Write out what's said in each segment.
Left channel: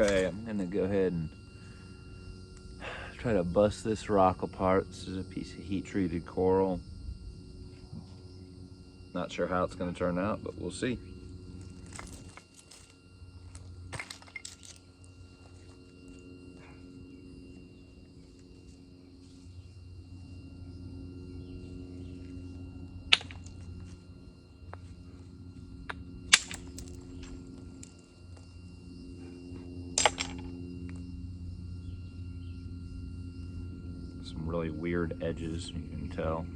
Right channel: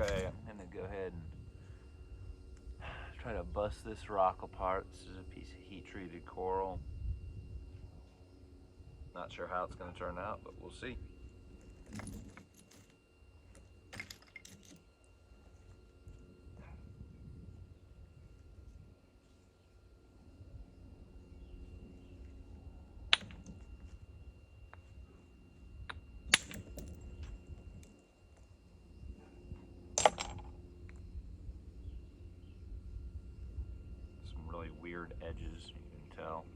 Okay, I'm gonna go ahead and try to bust this rock apart. This is a piece of heat-treated coral. Not sure how it's gonna turn out, but we'll see. Some really weird edges, you can tell.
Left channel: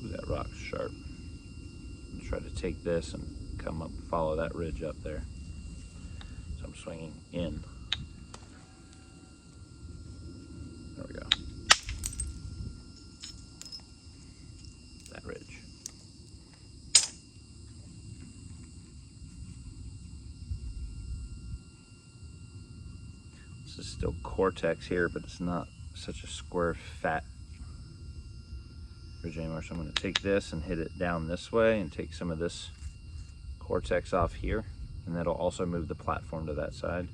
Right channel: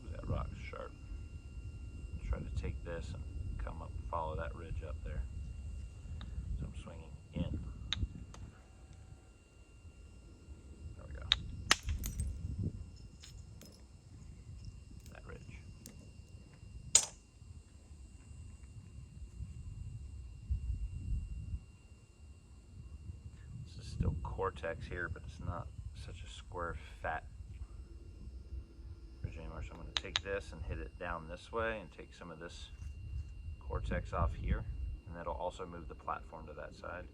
Ooh, that rock's sharp. I'm gonna try to take this and come up, follow that ridge up there. So I'm swinging in. There we go. That ridge. This is still cortex here, but it's not such a square, fat ridge anymore. So I'm going to take this and hit it down this way and take some of this cortex off here, and that'll also move the platform to that side.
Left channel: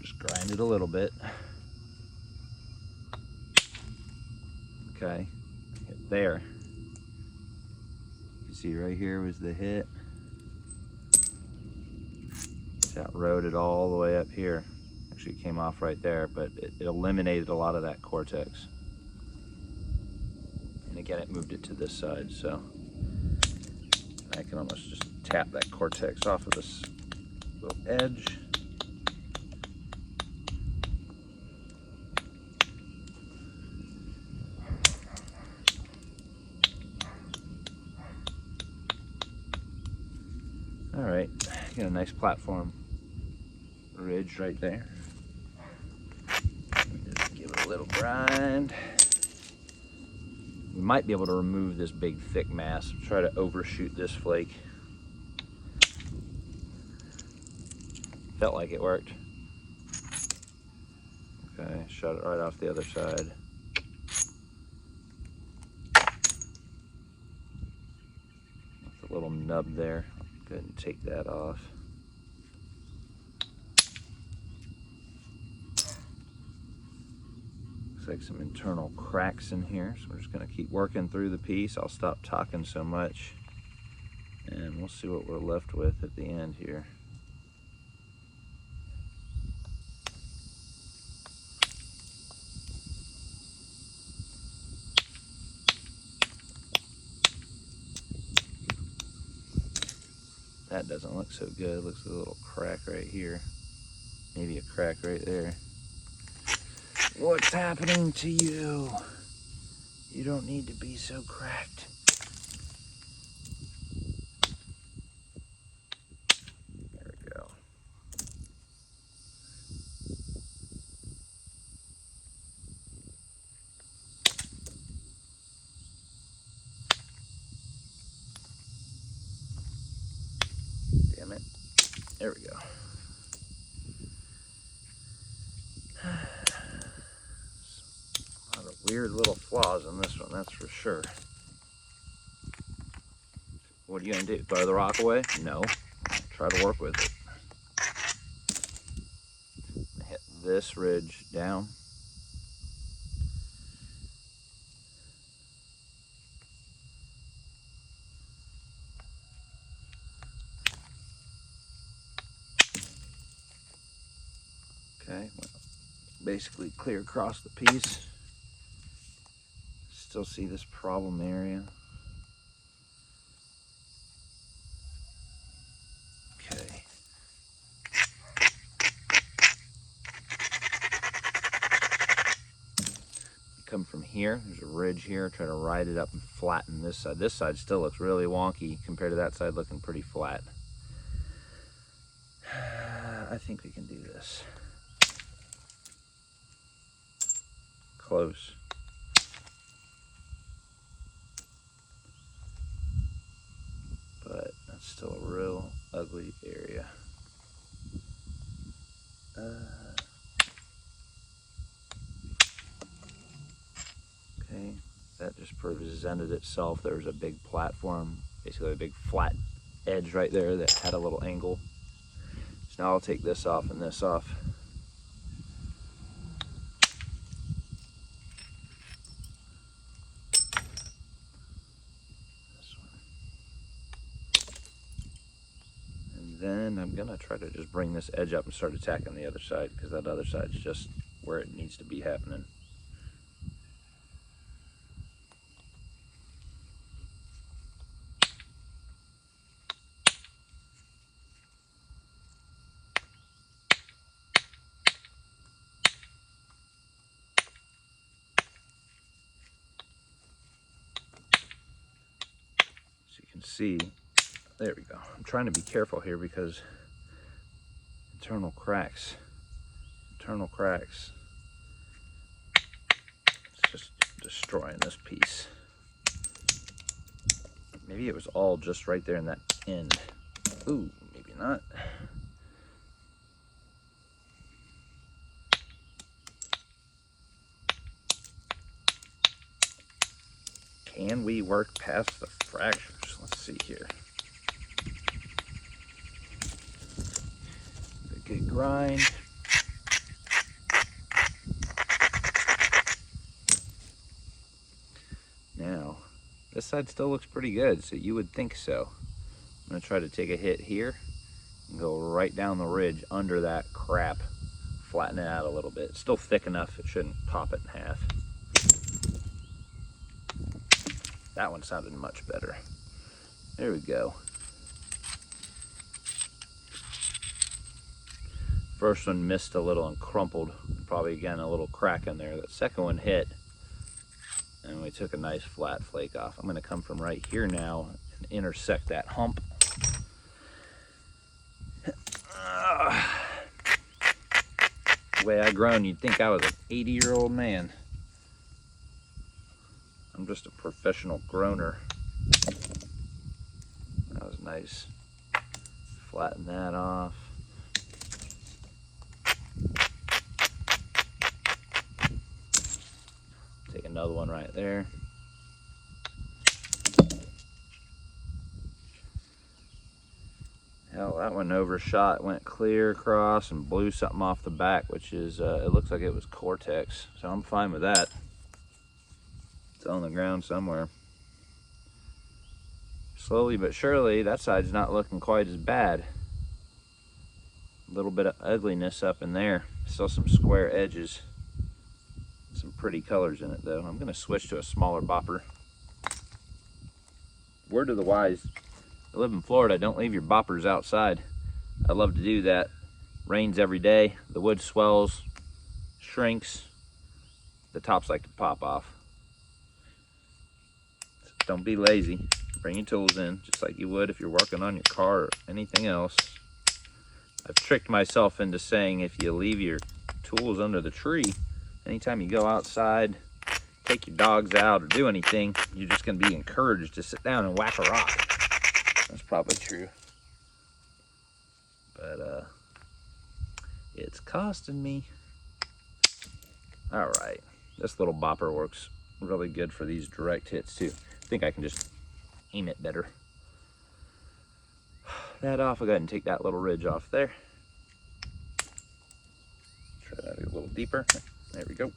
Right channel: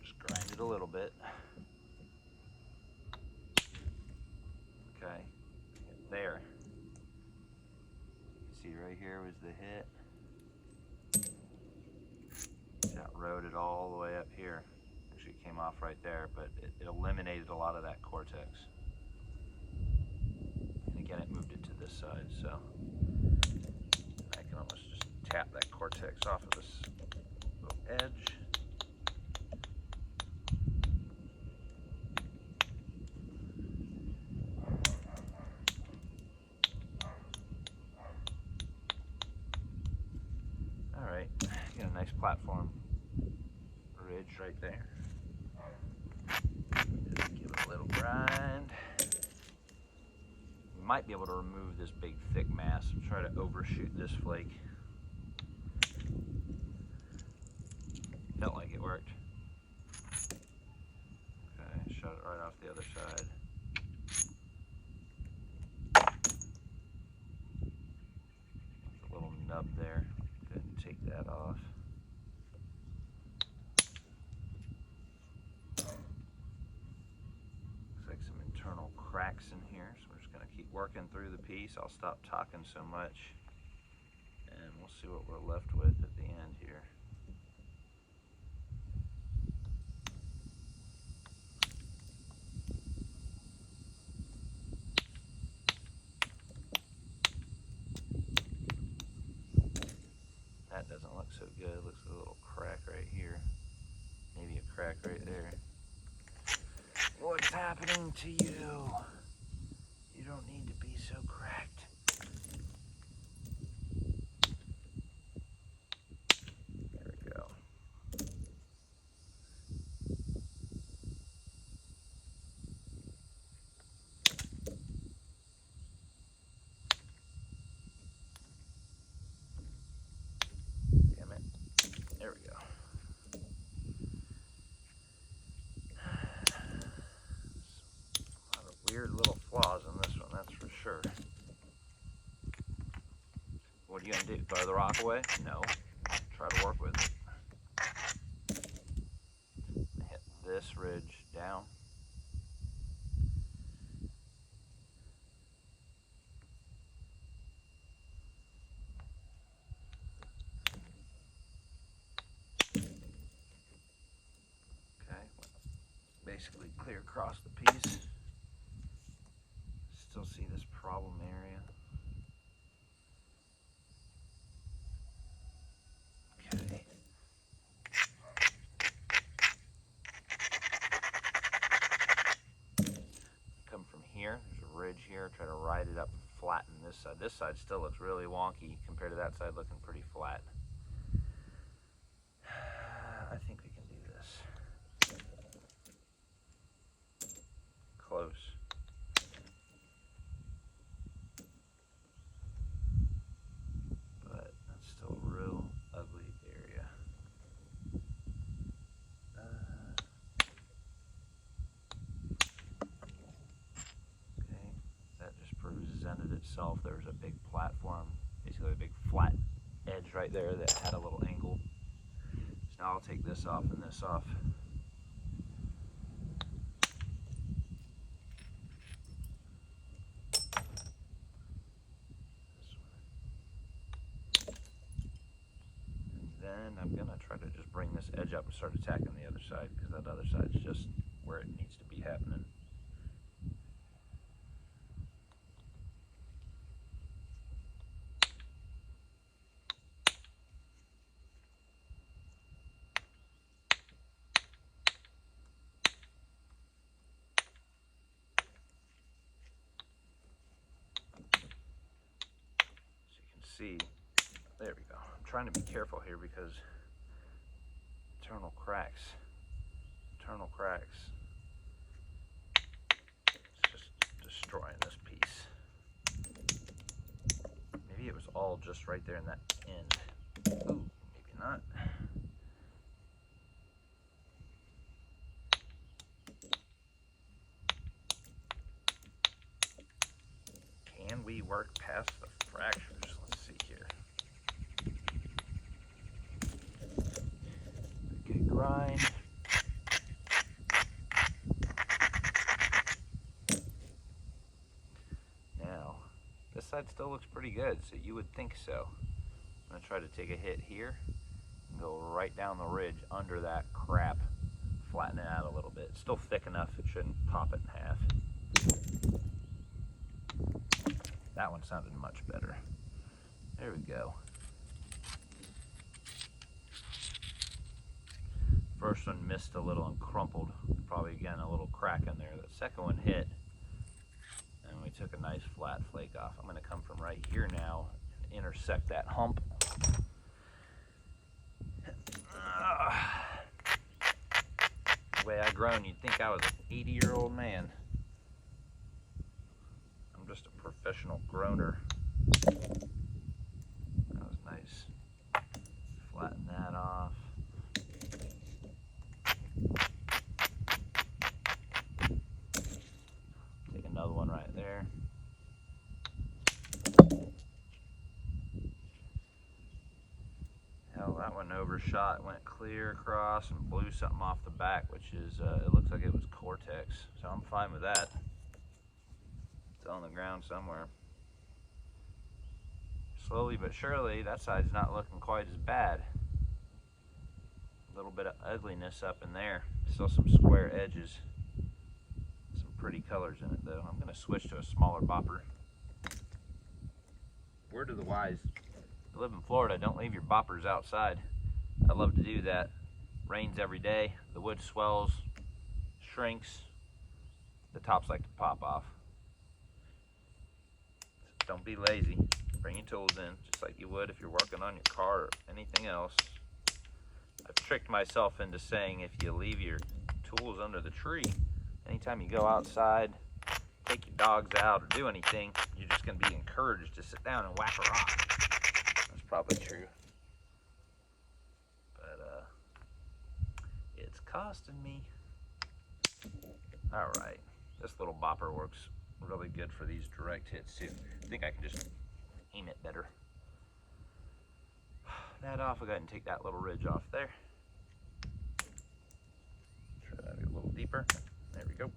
Just grind it a little bit. Okay, hit there. You see right here was the hit. That rode it all the way up here. Actually, it came off right there, but it eliminated a lot of that cortex. And again, it moved it to this side, so I can almost just tap that cortex off of this little edge. All right, got a nice platform ridge right there. Just give it a little grind. We might be able to remove this big thick mass. Try to overshoot this flake. Felt like it worked. Okay, shut it right off the other side. With a little nub there. Go ahead and take that off. Looks like some internal cracks in here, so we're just going to keep working through the piece. I'll stop talking so much, and we'll see what we're left with at the end here. That doesn't look so good. It looks like a little crack right here. Maybe a crack right there. What's happening to you? You don't need to be so cracked. There we go. Damn it. There we go. A lot of weird little flaws in this one, that's for sure. What are you gonna do? Throw the rock away? No. Try to work with it. Hit this ridge down. Okay, basically clear across the piece. Still see this problem area. Okay. Come from here, there's a ridge here, try to ride it up and flatten this side. This side still looks really wonky compared to that side looking pretty flat. I think we can do this. Close. But that's still a real ugly area. Okay, that just presented itself. There was a big platform, basically a big flat edge right there that had a little angle. So now I'll take this off and this off. This one. And then I'm gonna try to just bring this edge up and start attacking the other side, because that other side's just where it needs to be happening. See, there we go. I'm trying to be careful here because internal cracks. It's just destroying this piece. Maybe it was all just right there in that end. Ooh, maybe not. Can we work past the fractures? Let's see here. A good grind. Now, this side still looks pretty good, so you would think so. I'm gonna try to take a hit here and go right down the ridge under that crap. Flatten it out a little bit. It's still thick enough, it shouldn't pop it in half. That one sounded much better. There we go. First one missed a little and crumpled. Probably again a little crack in there. That second one hit and we took a nice flat flake off. I'm gonna come from right here now and intersect that hump. The way I grown, you'd think I was an 80-year-old man. I'm just a professional groaner. That was nice. Flatten that off. Take another one right there. Hell, that one overshot, went clear across and blew something off the back, which is, it looks like it was Cortex, so I'm fine with that. It's on the ground somewhere. Slowly but surely, that side's not looking quite as bad. A little bit of ugliness up in there. Still some square edges. Some pretty colors in it though. I'm gonna switch to a smaller bopper. Word to the wise, I live in Florida, don't leave your boppers outside. I love to do that. Rains every day, the wood swells, shrinks, the tops like to pop off. So don't be lazy. Bring your tools in, just like you would if you're working on your car or anything else. I've tricked myself into saying if you leave your tools under the tree, anytime you go outside, take your dogs out or do anything, you're just gonna be encouraged to sit down and whack a rock. That's probably true. But it's costing me. All right, this little bopper works really good for these direct hits too. I think I can just aim it better. That off, I'll go ahead and take that little ridge off there. Try that a little deeper. There we go.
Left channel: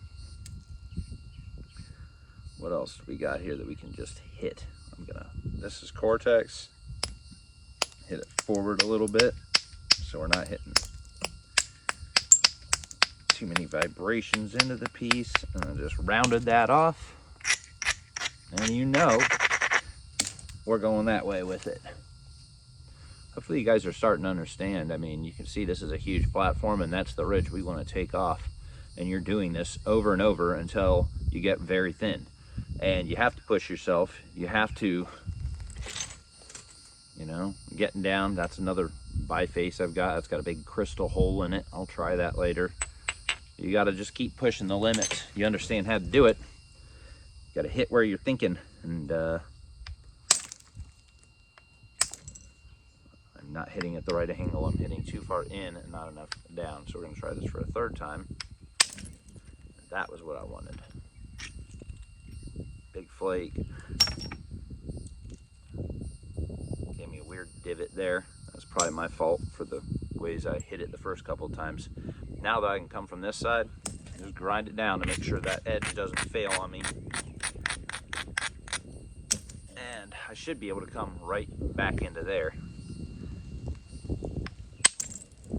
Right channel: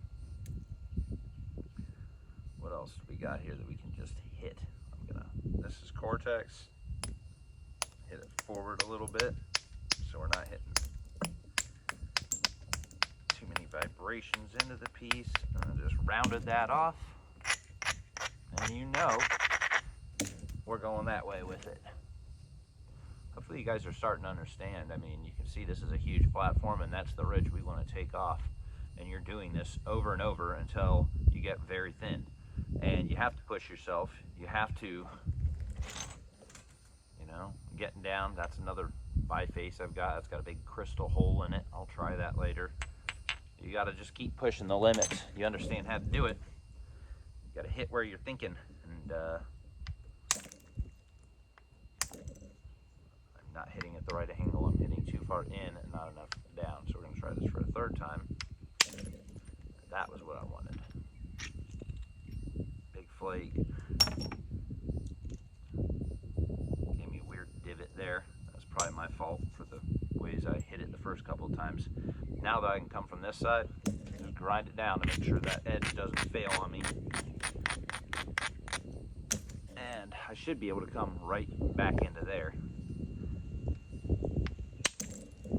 What else do we got here that we can just hit? This is Cortex. Hit it forward a little bit so we're not hitting too many vibrations into the piece, and I just rounded that off. And you know, we're going that way with it. Hopefully you guys are starting to understand. I mean, you can see this is a huge platform, and that's the ridge we want to take off. And you're doing this over and over until you get very thin. And you have to push yourself. You have to, you know, getting down. That's another biface I've got. It's got a big crystal hole in it. I'll try that later. You got to just keep pushing the limits. You understand how to do it. You got to hit where you're thinking. And I'm not hitting at the right angle. I'm hitting too far in and not enough down. So we're going to try this for a third time. That was what I wanted. Big flake. Gave me a weird divot there. That's probably my fault for the ways I hit it the first couple of times. Now that I can come from this side, just grind it down to make sure that edge doesn't fail on me. And I should be able to come right back into there.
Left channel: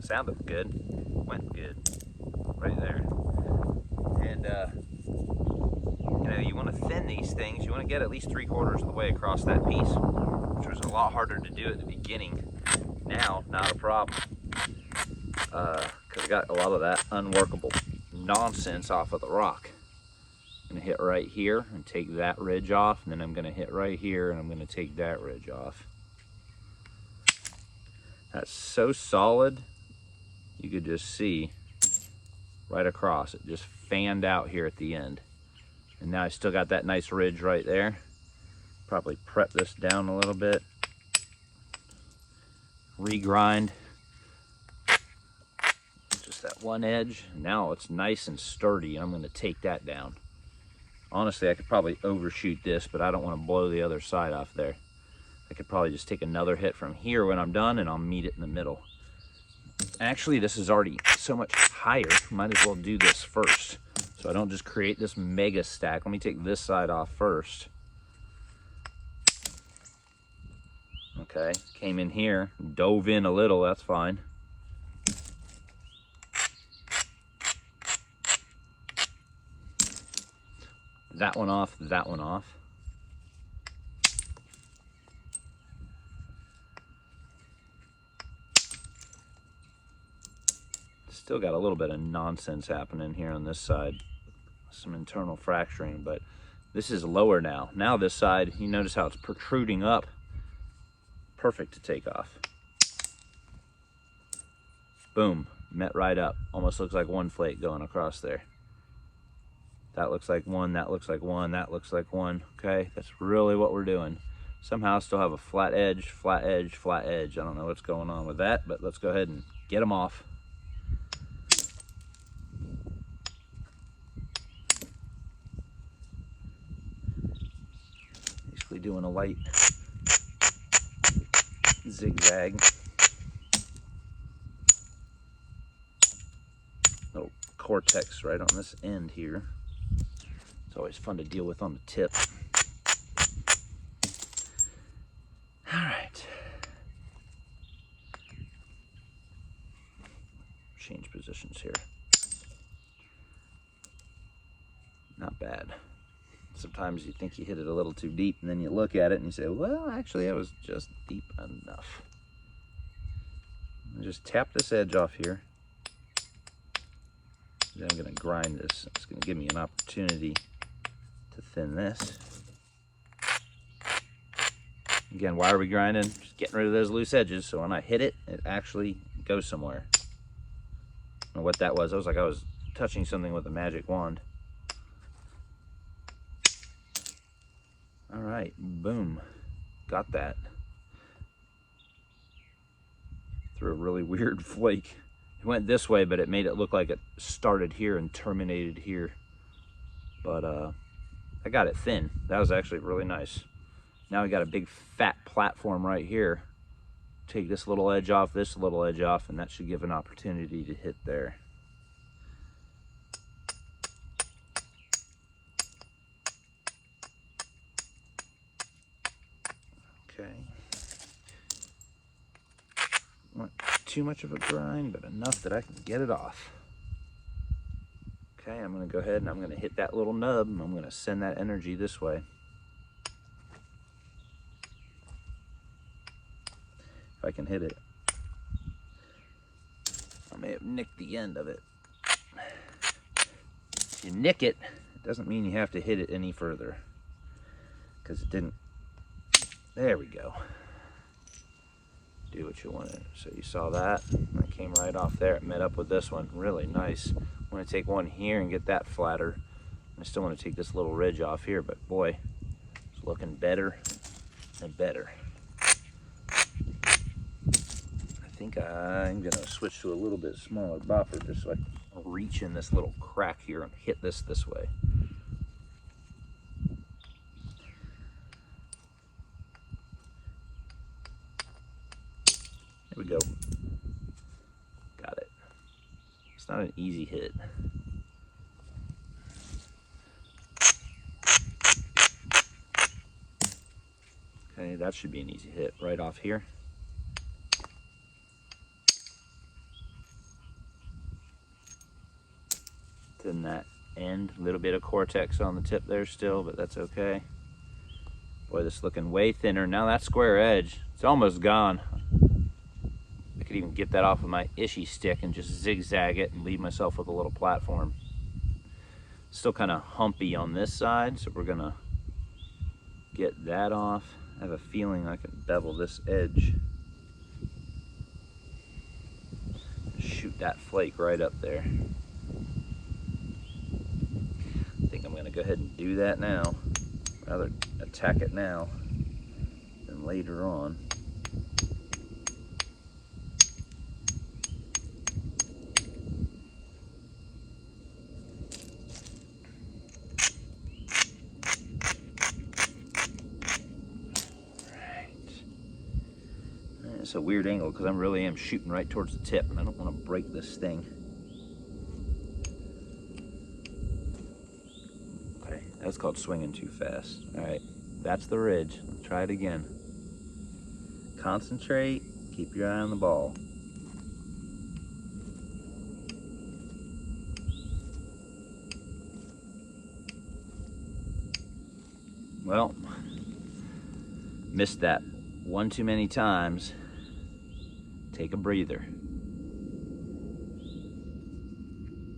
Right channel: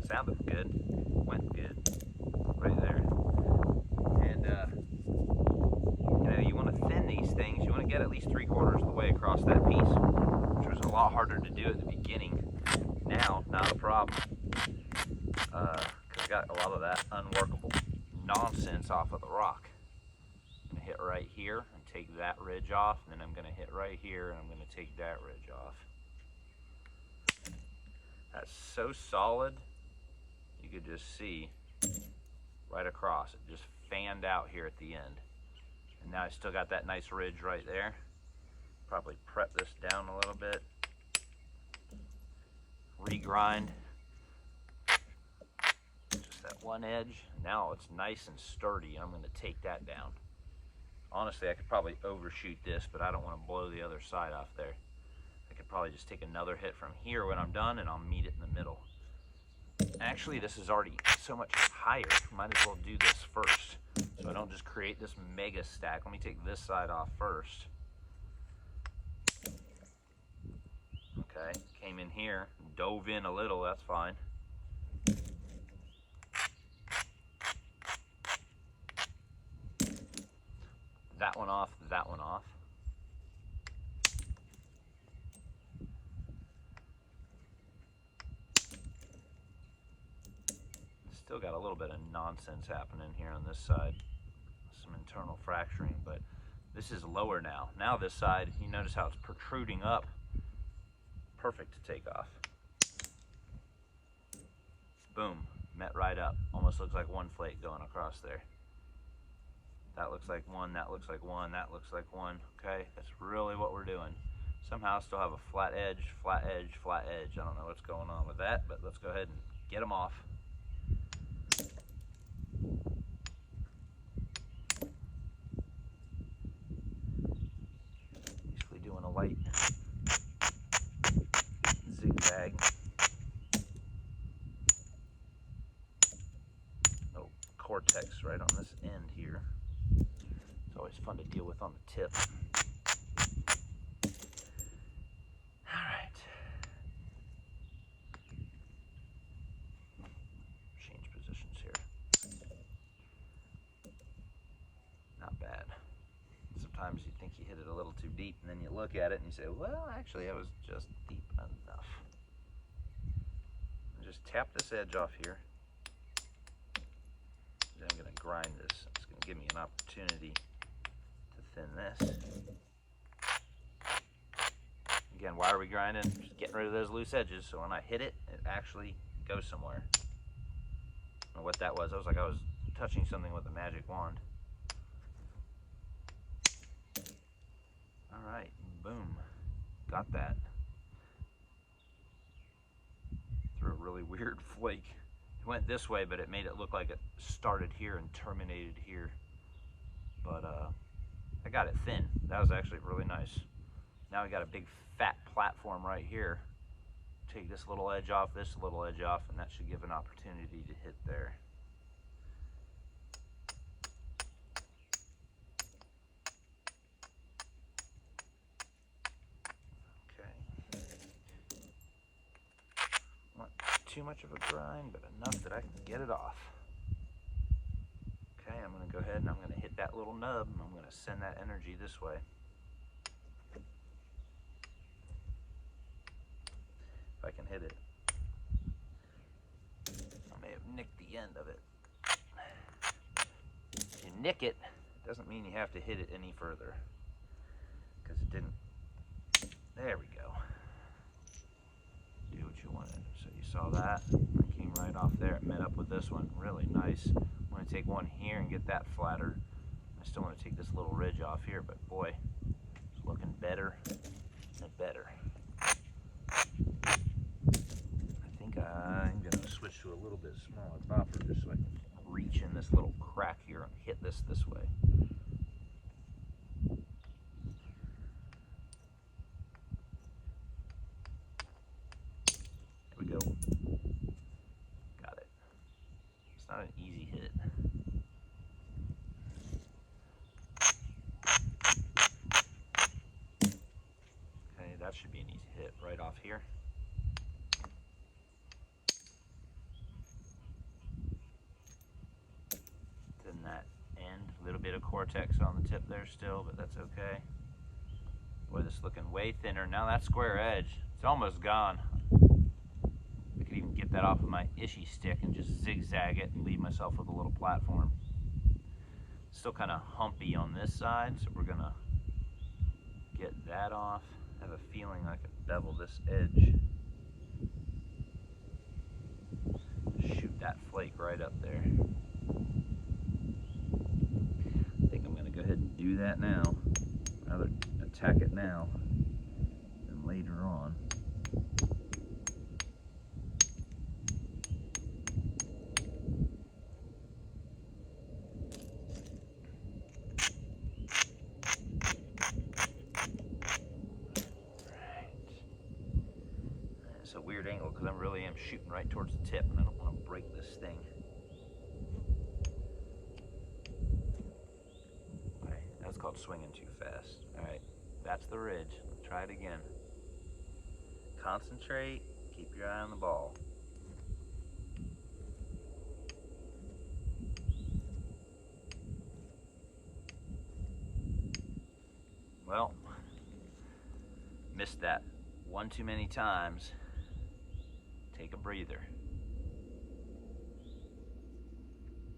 Sounded good, went good, right there. And you know, you want to thin these things. You want to get at least 3/4 of the way across that piece, which was a lot harder to do at the beginning. Now, not a problem, because I got a lot of that unworkable nonsense off of the rock. I'm going to hit right here and take that ridge off, and then I'm going to hit right here and I'm going to take that ridge off. That's so solid, you could just see right across. It just fanned out here at the end. And now I still got that nice ridge right there. Probably prep this down a little bit. Regrind. Just that one edge. Now it's nice and sturdy. I'm going to take that down. Honestly, I could probably overshoot this, but I don't want to blow the other side off there. I could probably just take another hit from here when I'm done, and I'll meet it in the middle. Actually, this is already so much higher. Might as well do this first, so I don't just create this mega stack. Let me take this side off first. Okay, came in here, dove in a little, that's fine. That one off, that one off. Still got a little bit of nonsense happening here on this side. Some internal fracturing, but this is lower now. Now this side, you notice how it's protruding up. Perfect to take off. Boom, met right up. Almost looks like one flake going across there. That looks like one, that looks like one, that looks like one. Okay, that's really what we're doing. Somehow I still have a flat edge, flat edge, flat edge. I don't know what's going on with that, but let's go ahead and get them off. Basically doing a light zigzag. Little cortex right on this end here. It's always fun to deal with on the tip. All right. Change positions here. Not bad. Sometimes you think you hit it a little too deep, and then you look at it and you say, well, actually, I was just deep enough. Just tap this edge off here. Then I'm going to grind this. It's going to give me an opportunity to thin this. Again, why are we grinding? Just getting rid of those loose edges, so when I hit it, it actually goes somewhere. I don't know what that was. I was like I was touching something with a magic wand. All right, boom, got that. Through a really weird flake. It went this way, but it made it look like it started here and terminated here. But I got it thin. That was actually really nice. Now we got a big fat platform right here. Take this little edge off, this little edge off, and that should give an opportunity to hit there. Okay. Not too much of a grind, but enough that I can get it off. Okay, I'm gonna go ahead and I'm gonna hit that little nub and I'm gonna send that energy this way. If I can hit it. I may have nicked the end of it. If you nick it, it doesn't mean you have to hit it any further, because it didn't. There we go. Do what you wanted. So you saw that? It came right off there. It met up with this one. Really nice. I'm going to take one here and get that flatter. I still want to take this little ridge off here, but boy, it's looking better and better. I think I'm going to switch to a little bit smaller bopper just so I can reach in this little crack here and hit this way. There we go. Got it. It's not an easy hit. Okay, that should be an easy hit right off here. Then that end, a little bit of cortex on the tip there still, but that's okay. Boy, this is looking way thinner. Now that square edge, it's almost gone. I could even get that off of my ishy stick and just zigzag it and leave myself with a little platform. Still kind of humpy on this side, so we're gonna get that off. I have a feeling I can bevel this edge. Shoot that flake right up there. I think I'm gonna go ahead and do that now. Rather attack it now than later on. It's a weird angle because I really am shooting right towards the tip and I don't want to break this thing. Okay, that's called swinging too fast. All right, that's the ridge. Let's try it again. Concentrate, keep your eye on the ball. Well, missed that one too many times. Take a breather.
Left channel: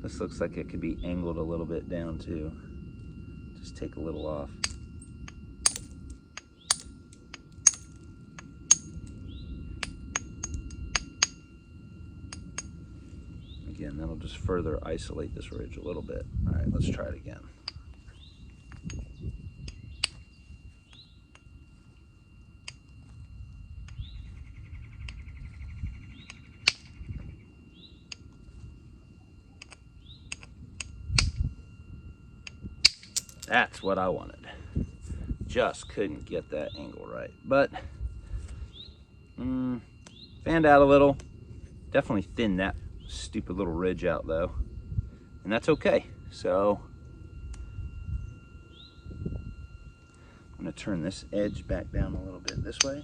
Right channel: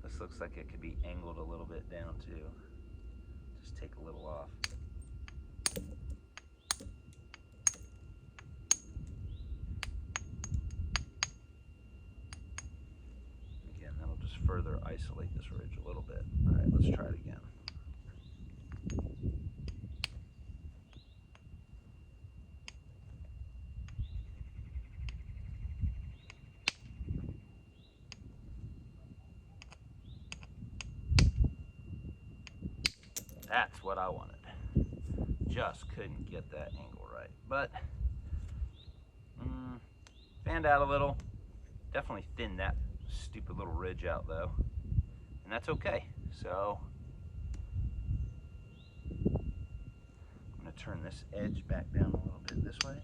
This looks like it could be angled a little bit down too. Just take a little off. Again, that'll just further isolate this ridge a little bit. All right, let's try it again. That's what I wanted. Just couldn't get that angle right. But, fanned out a little. Definitely thinned that stupid little ridge out though. And that's okay. So, I'm gonna turn this edge back down a little bit this way.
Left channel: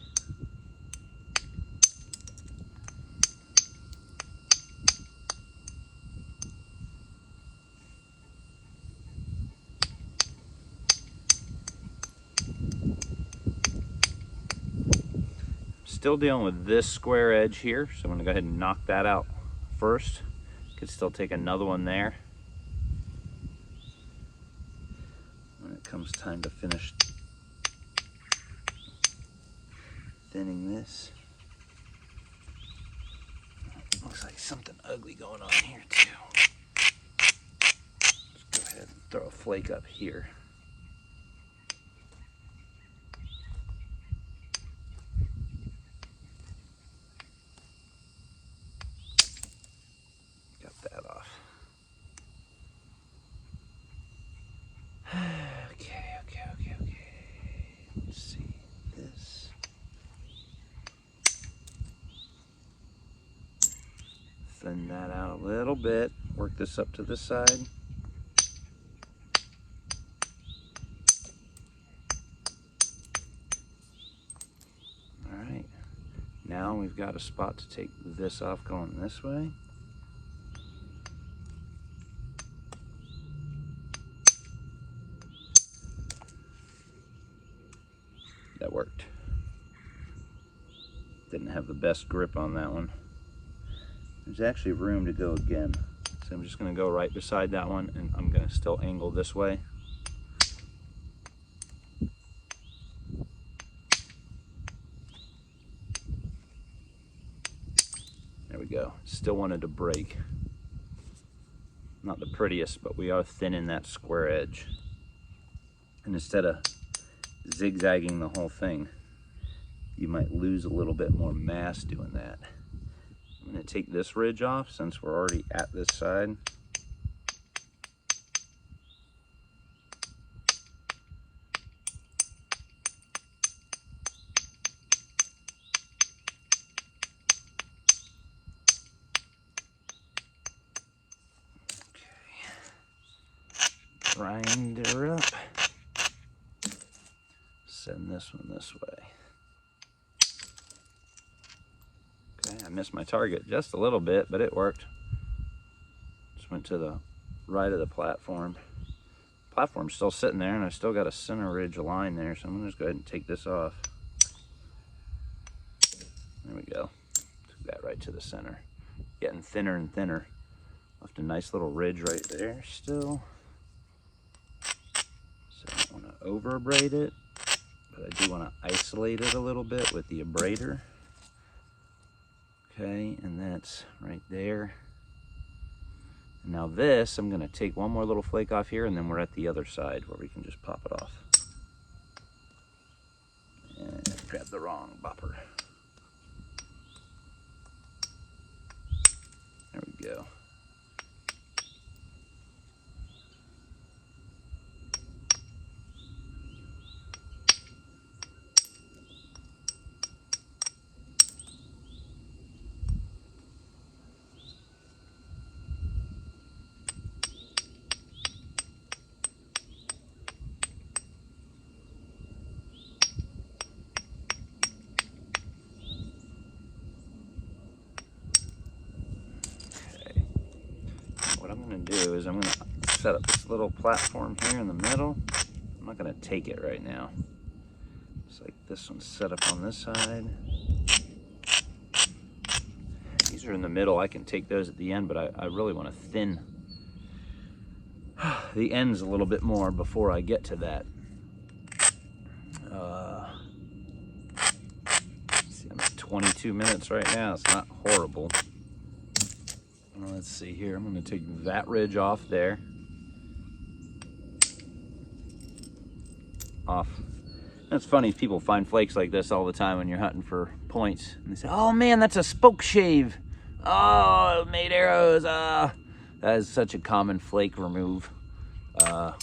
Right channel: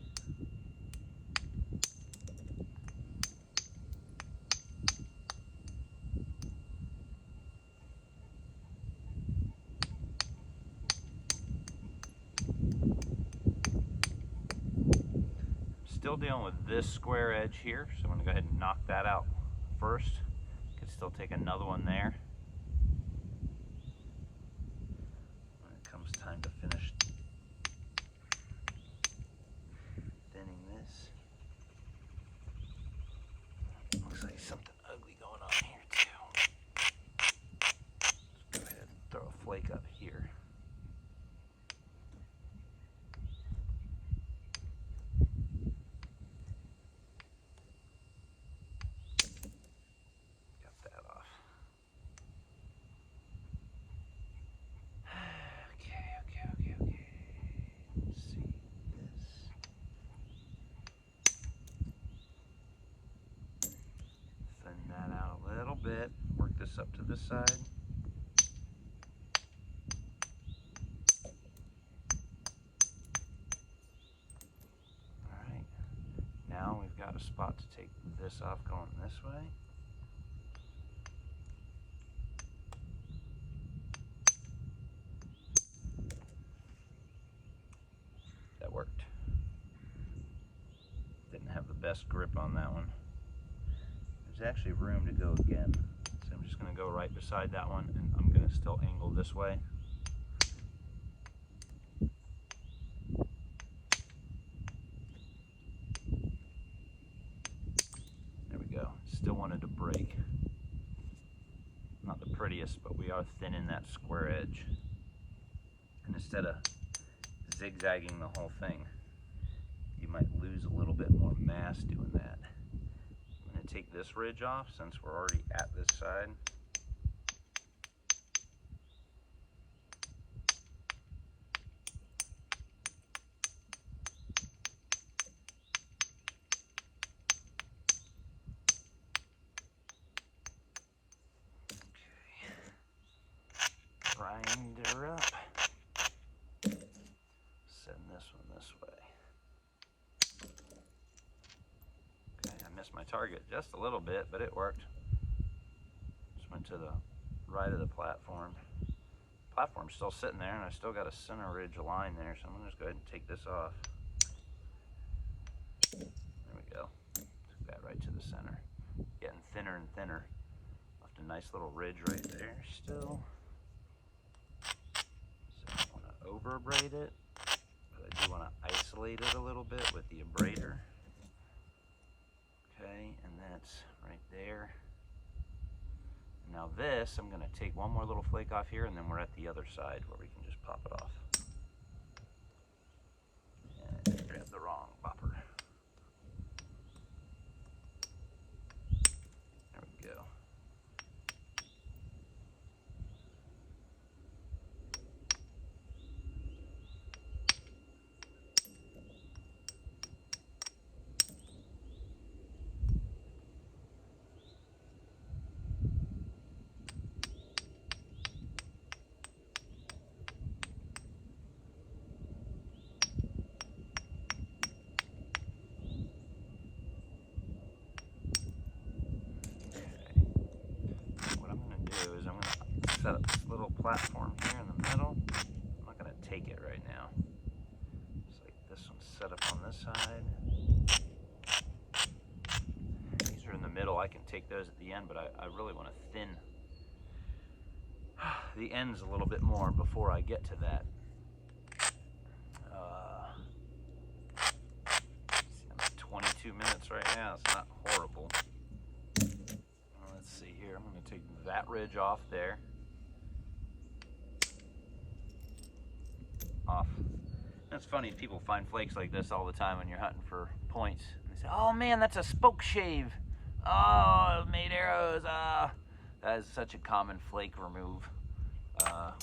Still dealing with this square edge here, so I'm gonna go ahead and knock that out first. Could still take another one there. When it comes time to finish thinning this. Looks like something ugly going on here too. Let's go ahead and throw a flake up here. Okay. Let's see this. Thin that out a little bit. Work this up to this side. All right. Now we've got a spot to take this off going this way. that worked. Didn't have the best grip on that one. There's actually room to go again. So I'm just gonna go right beside that one, and I'm gonna still angle this way. There we go. Still wanted to break. Not the prettiest, but we are thinning that square edge. And instead of zigzagging the whole thing, you might lose a little bit more mass doing that. I'm going to take this ridge off since we're already at this side. Grind her up. Send this one this way. Okay, I missed my target just a little bit, but it worked. Just went to the right of the platform. Platform's still sitting there, and I still got a center ridge line there, so I'm gonna just go ahead and take this off. There we go. Took that right to the center. Getting thinner and thinner. Left a nice little ridge right there still. So I don't want to over abrade it, but I do want to isolate it a little bit with the abrader. Okay, and that's right there. And now this, I'm going to take one more little flake off here, and then we're at the other side where we can just pop it off. And I grabbed the wrong bopper. There we go. Do is I'm going to set up this little platform here in the middle. I'm not going to take it right now. It's like this one's set up on this side. These are in the middle. I can take those at the end, but I really want to thin the ends a little bit more before I get to that. See, I'm at 22 minutes right now. It's not horrible. Let's see here, I'm going to take that ridge off there. Off. And it's funny, people find flakes like this all the time when you're hunting for points. And they say, oh man, that's a spoke shave. Oh, it made arrows. That is such a common flake remove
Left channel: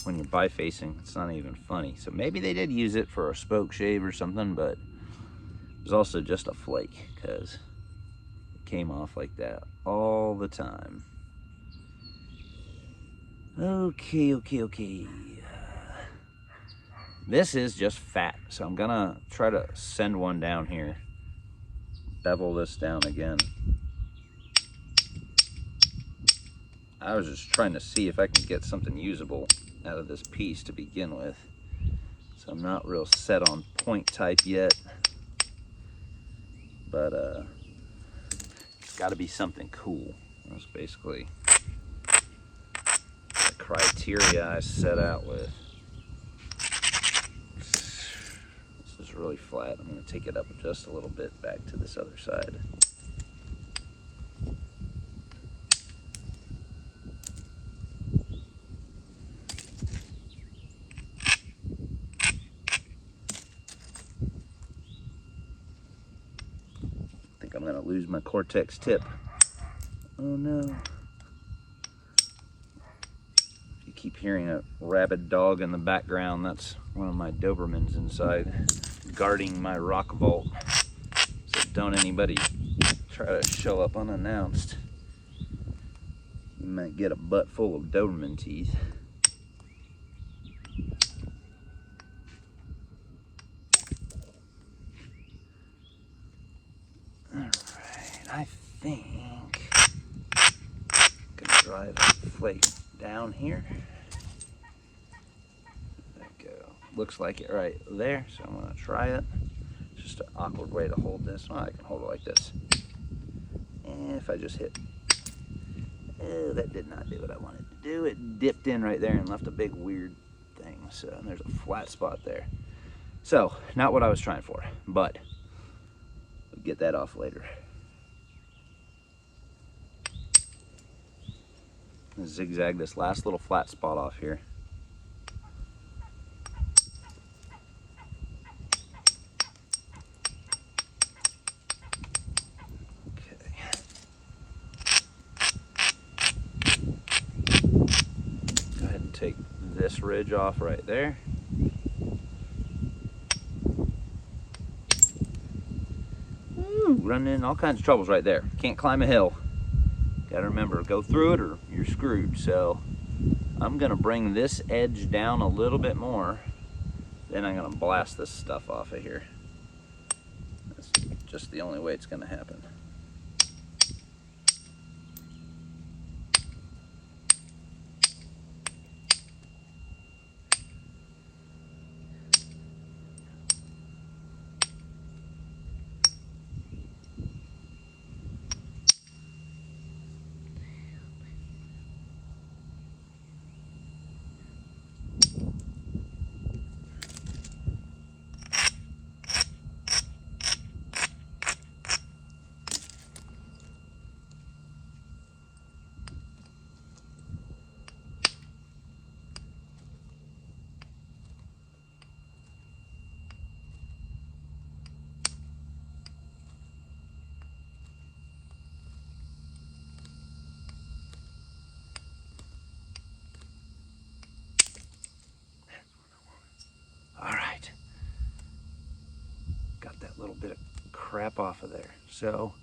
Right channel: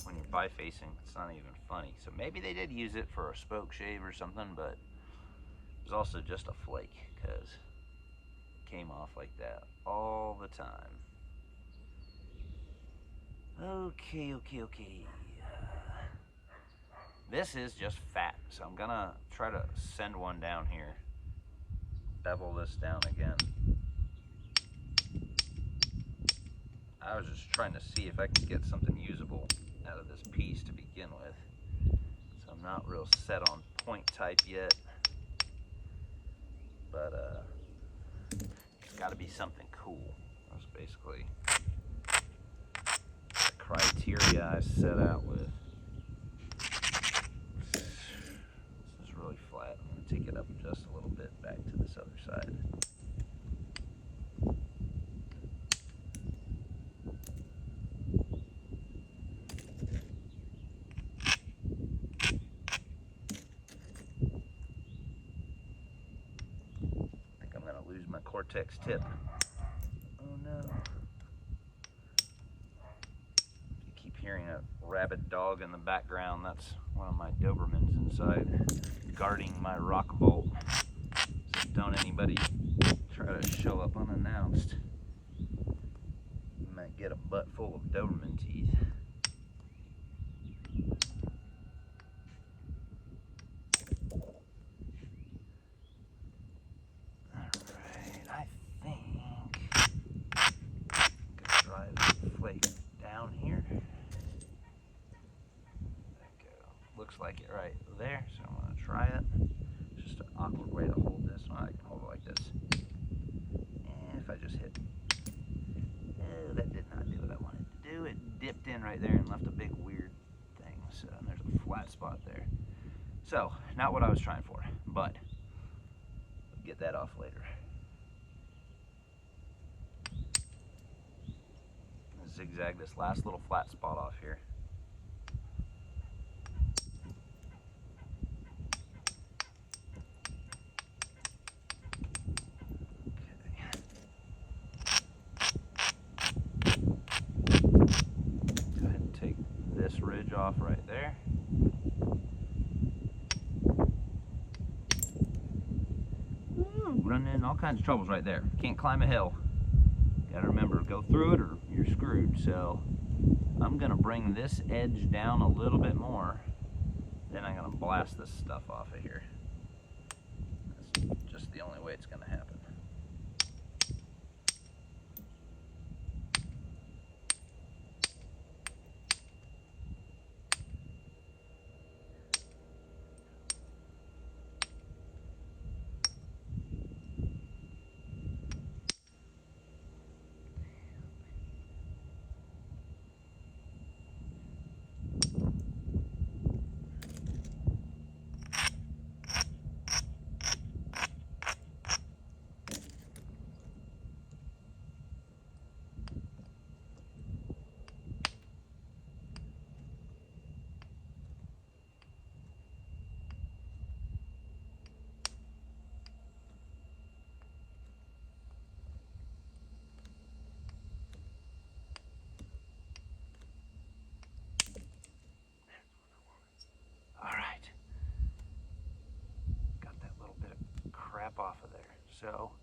when you're bifacing. It's not even funny. So maybe they did use it for a spoke shave or something, but it was also just a flake because came off like that all the time. Okay. This is just fat, so I'm gonna try to send one down here. Bevel this down again. I was just trying to see if I can get something usable out of this piece to begin with. So I'm not real set on point type yet, but it's got to be something cool. That's basically the criteria I set out with. This is really flat. I'm going to take it up just a little bit back to this other side. I think I'm going to lose my Cortex tip. Oh no. If you keep hearing a rabid dog in the background, that's one of my Dobermans inside guarding my rock vault. So don't anybody try to show up unannounced. You might get a butt full of Doberman teeth. Alright, I think drive the flake down here. There we go. looks like it right there, so I'm gonna try it. It's just an awkward way to hold this. Well, I can hold it like this. And if I just hit, oh, that did not do what I wanted to do. It dipped in right there and left a big weird thing. So, and there's a flat spot there. So, not what I was trying for, but we'll get that off later. Zigzag this last little flat spot off here. Okay. Go ahead and take this ridge off right there. Woo, running into all kinds of troubles right there. Can't climb a hill. Gotta remember, go through it or you're screwed. So I'm gonna bring this edge down a little bit more. Then I'm gonna blast this stuff off of here. That's just the only way it's gonna happen. Bit of crap off of there. So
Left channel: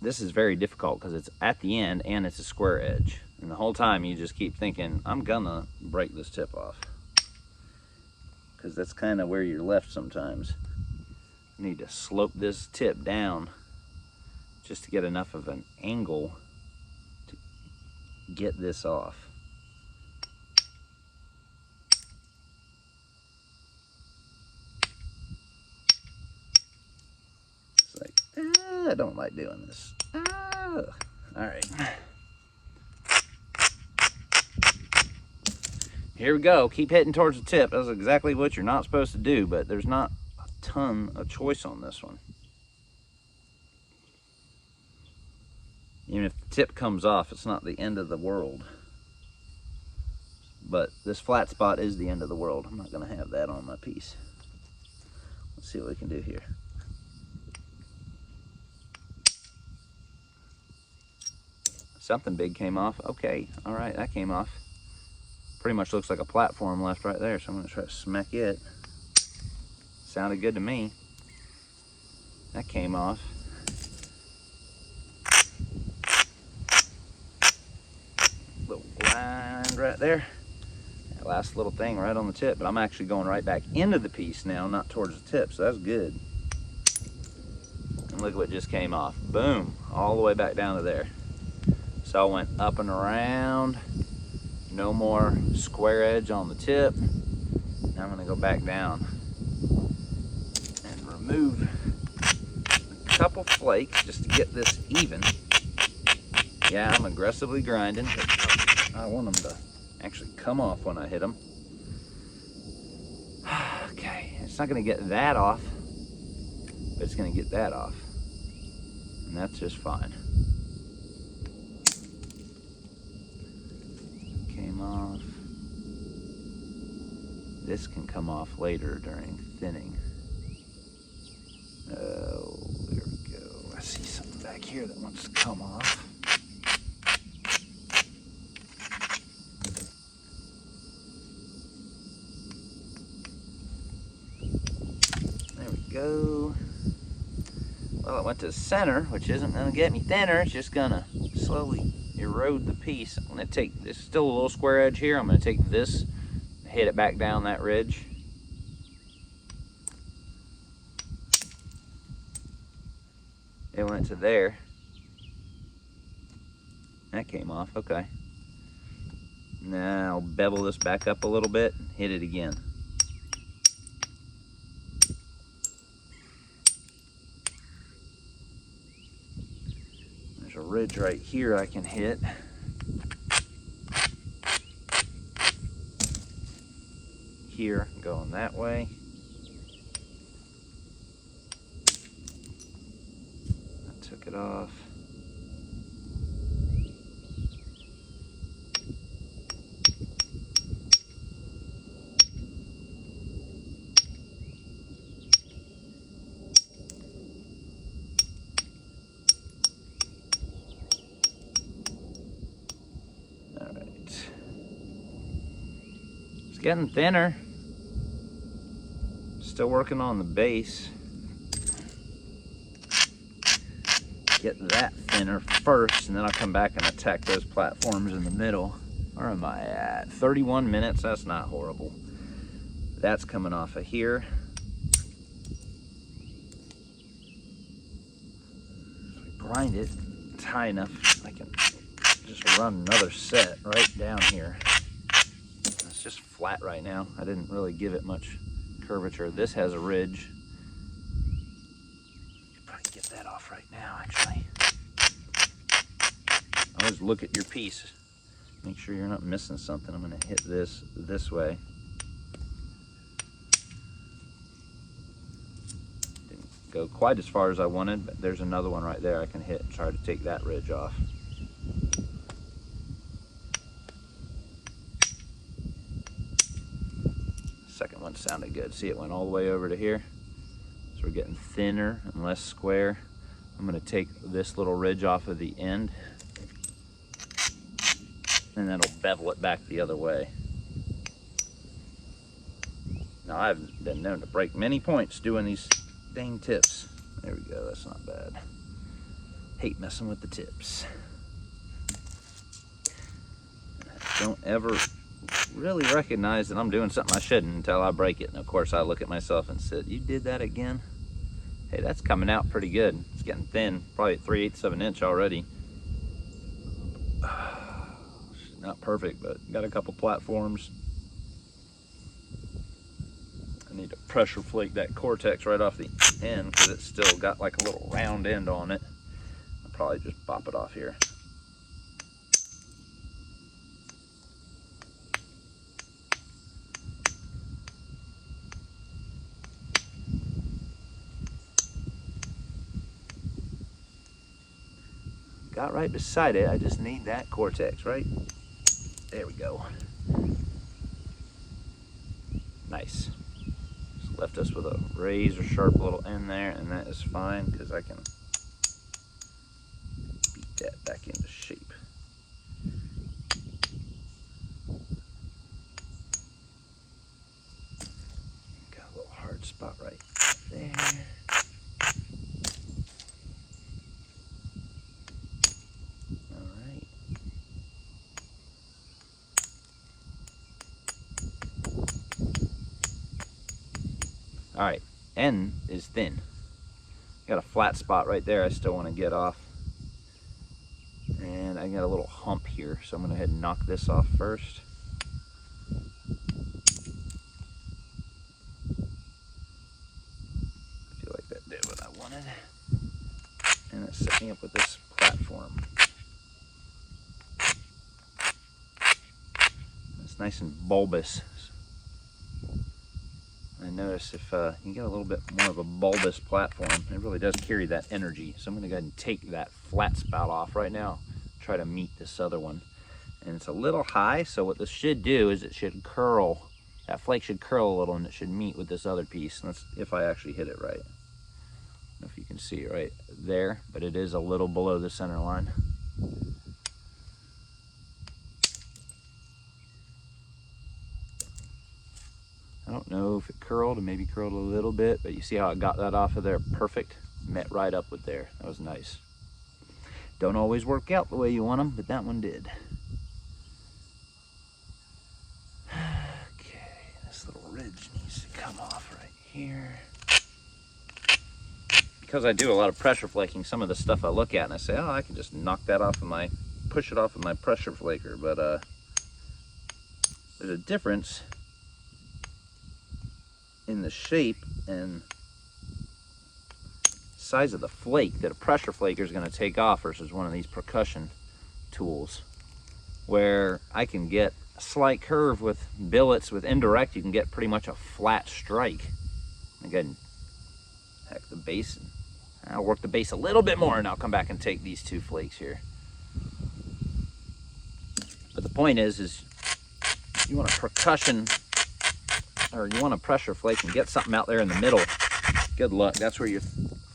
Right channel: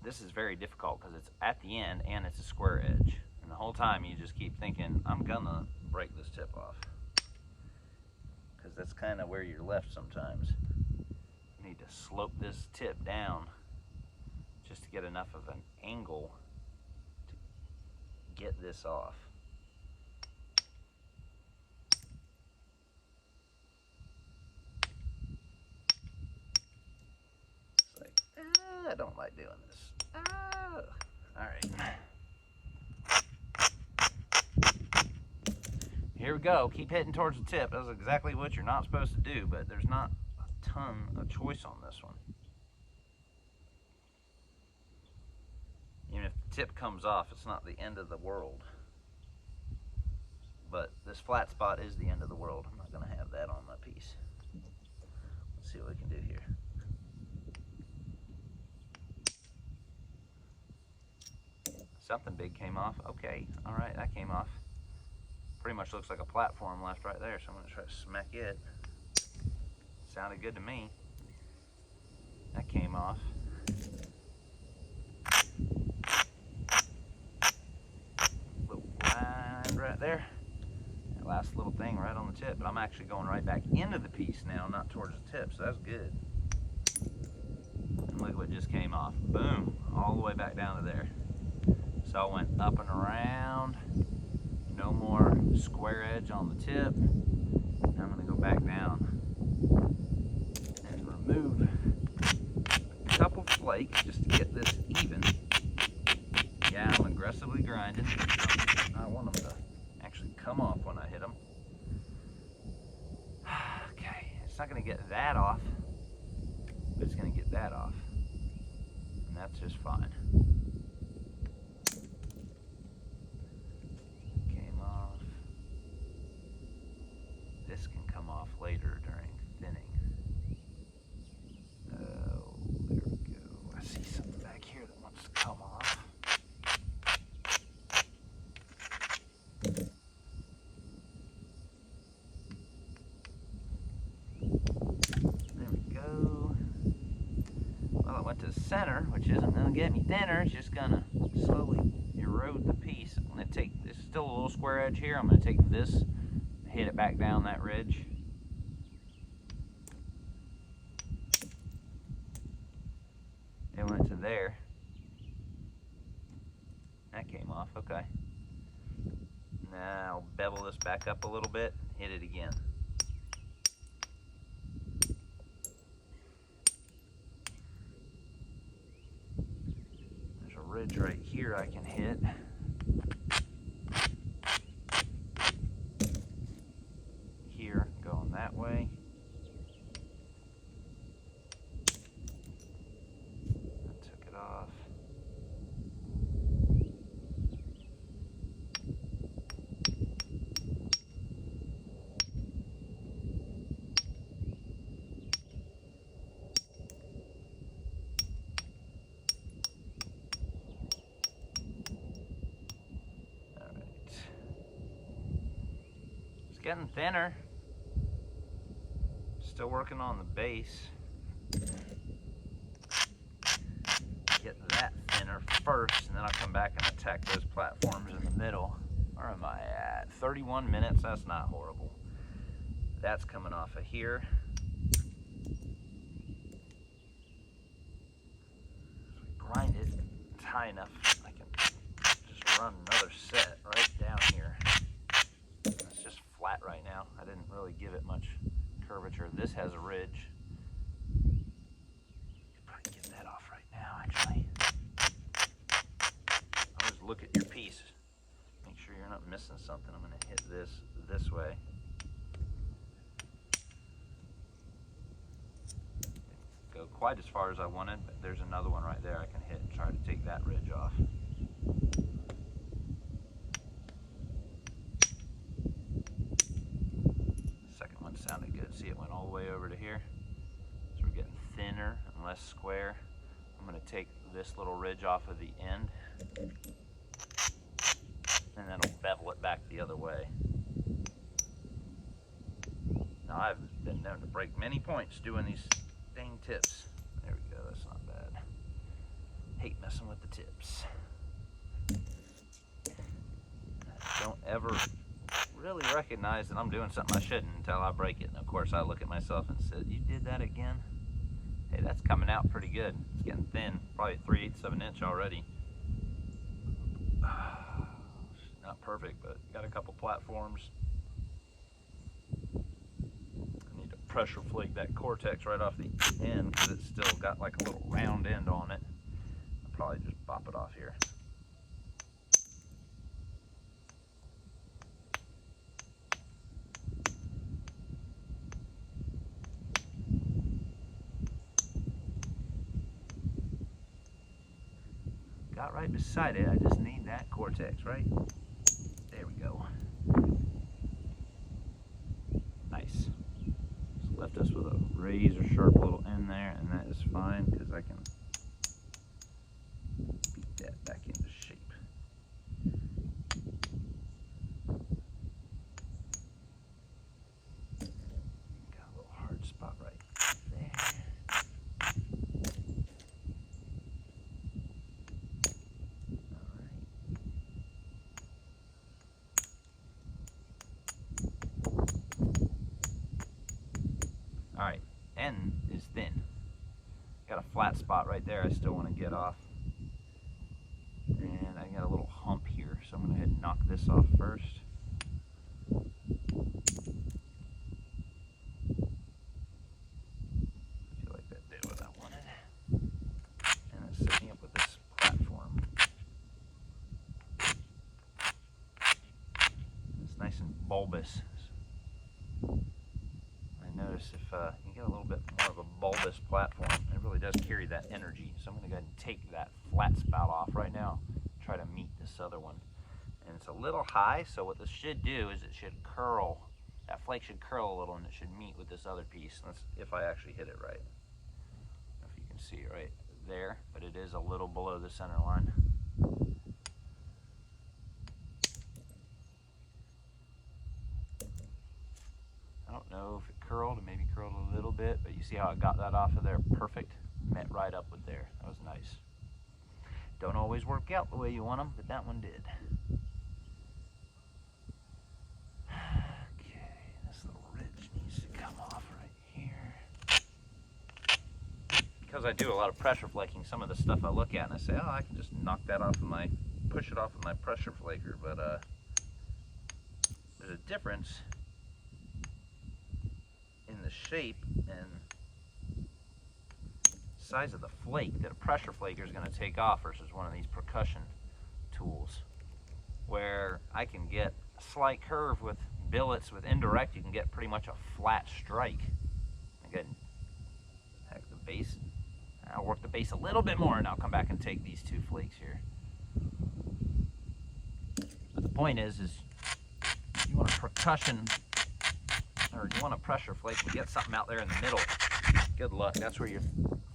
this is very difficult because it's at the end and it's a square edge, and the whole time you just keep thinking, I'm gonna break this tip off, because that's kind of where you're left sometimes. You need to slope this tip down just to get enough of an angle to get this off. I don't like doing this. All right. Here we go. Keep hitting towards the tip. That's exactly what you're not supposed to do, but there's not a ton of choice on this one. Even if the tip comes off, it's not the end of the world. But this flat spot is the end of the world. I'm not going to have that on my piece. Let's see what we can do here. Something big came off. Okay, all right, that came off. Pretty much looks like a platform left right there, so I'm gonna try to smack it. Sounded good to me. That came off. Little blind right there. That last little thing right on the tip, but I'm actually going right back into the piece now, not towards the tip, so that's good. And look what just came off. Boom, all the way back down to there. So I went up and around, no more square edge on the tip. Now I'm gonna go back down and remove a couple flakes just to get this even. Yeah, I'm aggressively grinding. I want them to actually come off when I hit them. Okay, it's not gonna get that off, but it's gonna get that off. And that's just fine. Off. This can come off later during thinning. Oh, there we go. I see something back here that wants to come off. There we go. Well, it went to the center, which isn't going to get me thinner. It's just going to slowly erode the piece. I'm going to take this, still a little square edge here. I'm going to take this, hit it back down that ridge. It went to there. That came off, okay. Now I'll bevel this back up a little bit, hit it again. ridge right here I can hit. Here, going that way. I took it off. All right. It's getting thinner. Still working on the base. Get that thinner first, and then I'll come back and attack those platforms in the middle. Where am I at? 31 minutes, that's not horrible. That's coming off of here. If I grind it, it's high enough, I can just run another set right down here. It's just flat right now. I didn't really give it much curvature. This has a ridge. You could probably get that off right now, actually. Always look at your piece. Make sure you're not missing something. I'm going to hit this way. Didn't go quite as far as I wanted, but there's another one right there I can hit and try to take that ridge off. Second one sounded good. See, it went all the way over to here. So we're getting thinner and less square. I'm going to take this little ridge off of the end, and that'll bevel it back the other way. Now, I've been known to break many points doing these dang tips. There we go, that's not bad. Hate messing with the tips. I don't ever really recognize that I'm doing something I shouldn't until I break it. And of course, I look at myself and said, you did that again? Hey, that's coming out pretty good. It's getting thin, probably at 3/8 of an inch already. Not perfect, but got a couple platforms. I need to pressure flake that cortex right off the end because it's still got like a little round end on it. I'll probably just pop it off here. Got right beside it. I just need that cortex, right? There we go. Nice. Just left us with a razor sharp little end there, and that is fine because I can beat that back into shape. Got a little hard spot right there. All right, end is thin. Got a flat spot right there I still want to get off. And I got a little hump here, so I'm going to go ahead and knock this off first. I feel like that did what I wanted. And it set me up with this platform. It's nice and bulbous. I notice if you get a little bit more of a bulbous platform, it really does carry that energy. So I'm going to go ahead and take that flat spout off right now, try to meet this other one. And it's a little high, so what this should do is it should curl. That flake should curl a little and it should meet with this other piece. And that's if I actually hit it right. I don't know if you can see it right there, but it is a little below the center line. I don't know if it curled, and maybe curled a little bit, but you see how I got that off of there perfect? Met right up with there. That was nice. Don't always work out the way you want them, but that one did. Okay, this little ridge needs to come off right here. Because I do a lot of pressure flaking, some of the stuff I look at and I say, oh, I can just knock that off of my, push it off of my pressure flaker, but there's a difference in the shape and size of the flake that a pressure flaker is going to take off versus one of these percussion tools, where I can get a slight curve with billets. With indirect, you can get pretty much a flat strike. Again, heck the base, and I'll work the base a little bit more, and I'll come back and take these 2 flakes here. But the point is you want a percussion, or you want a pressure flake and get something out there in the middle. Good luck. That's where your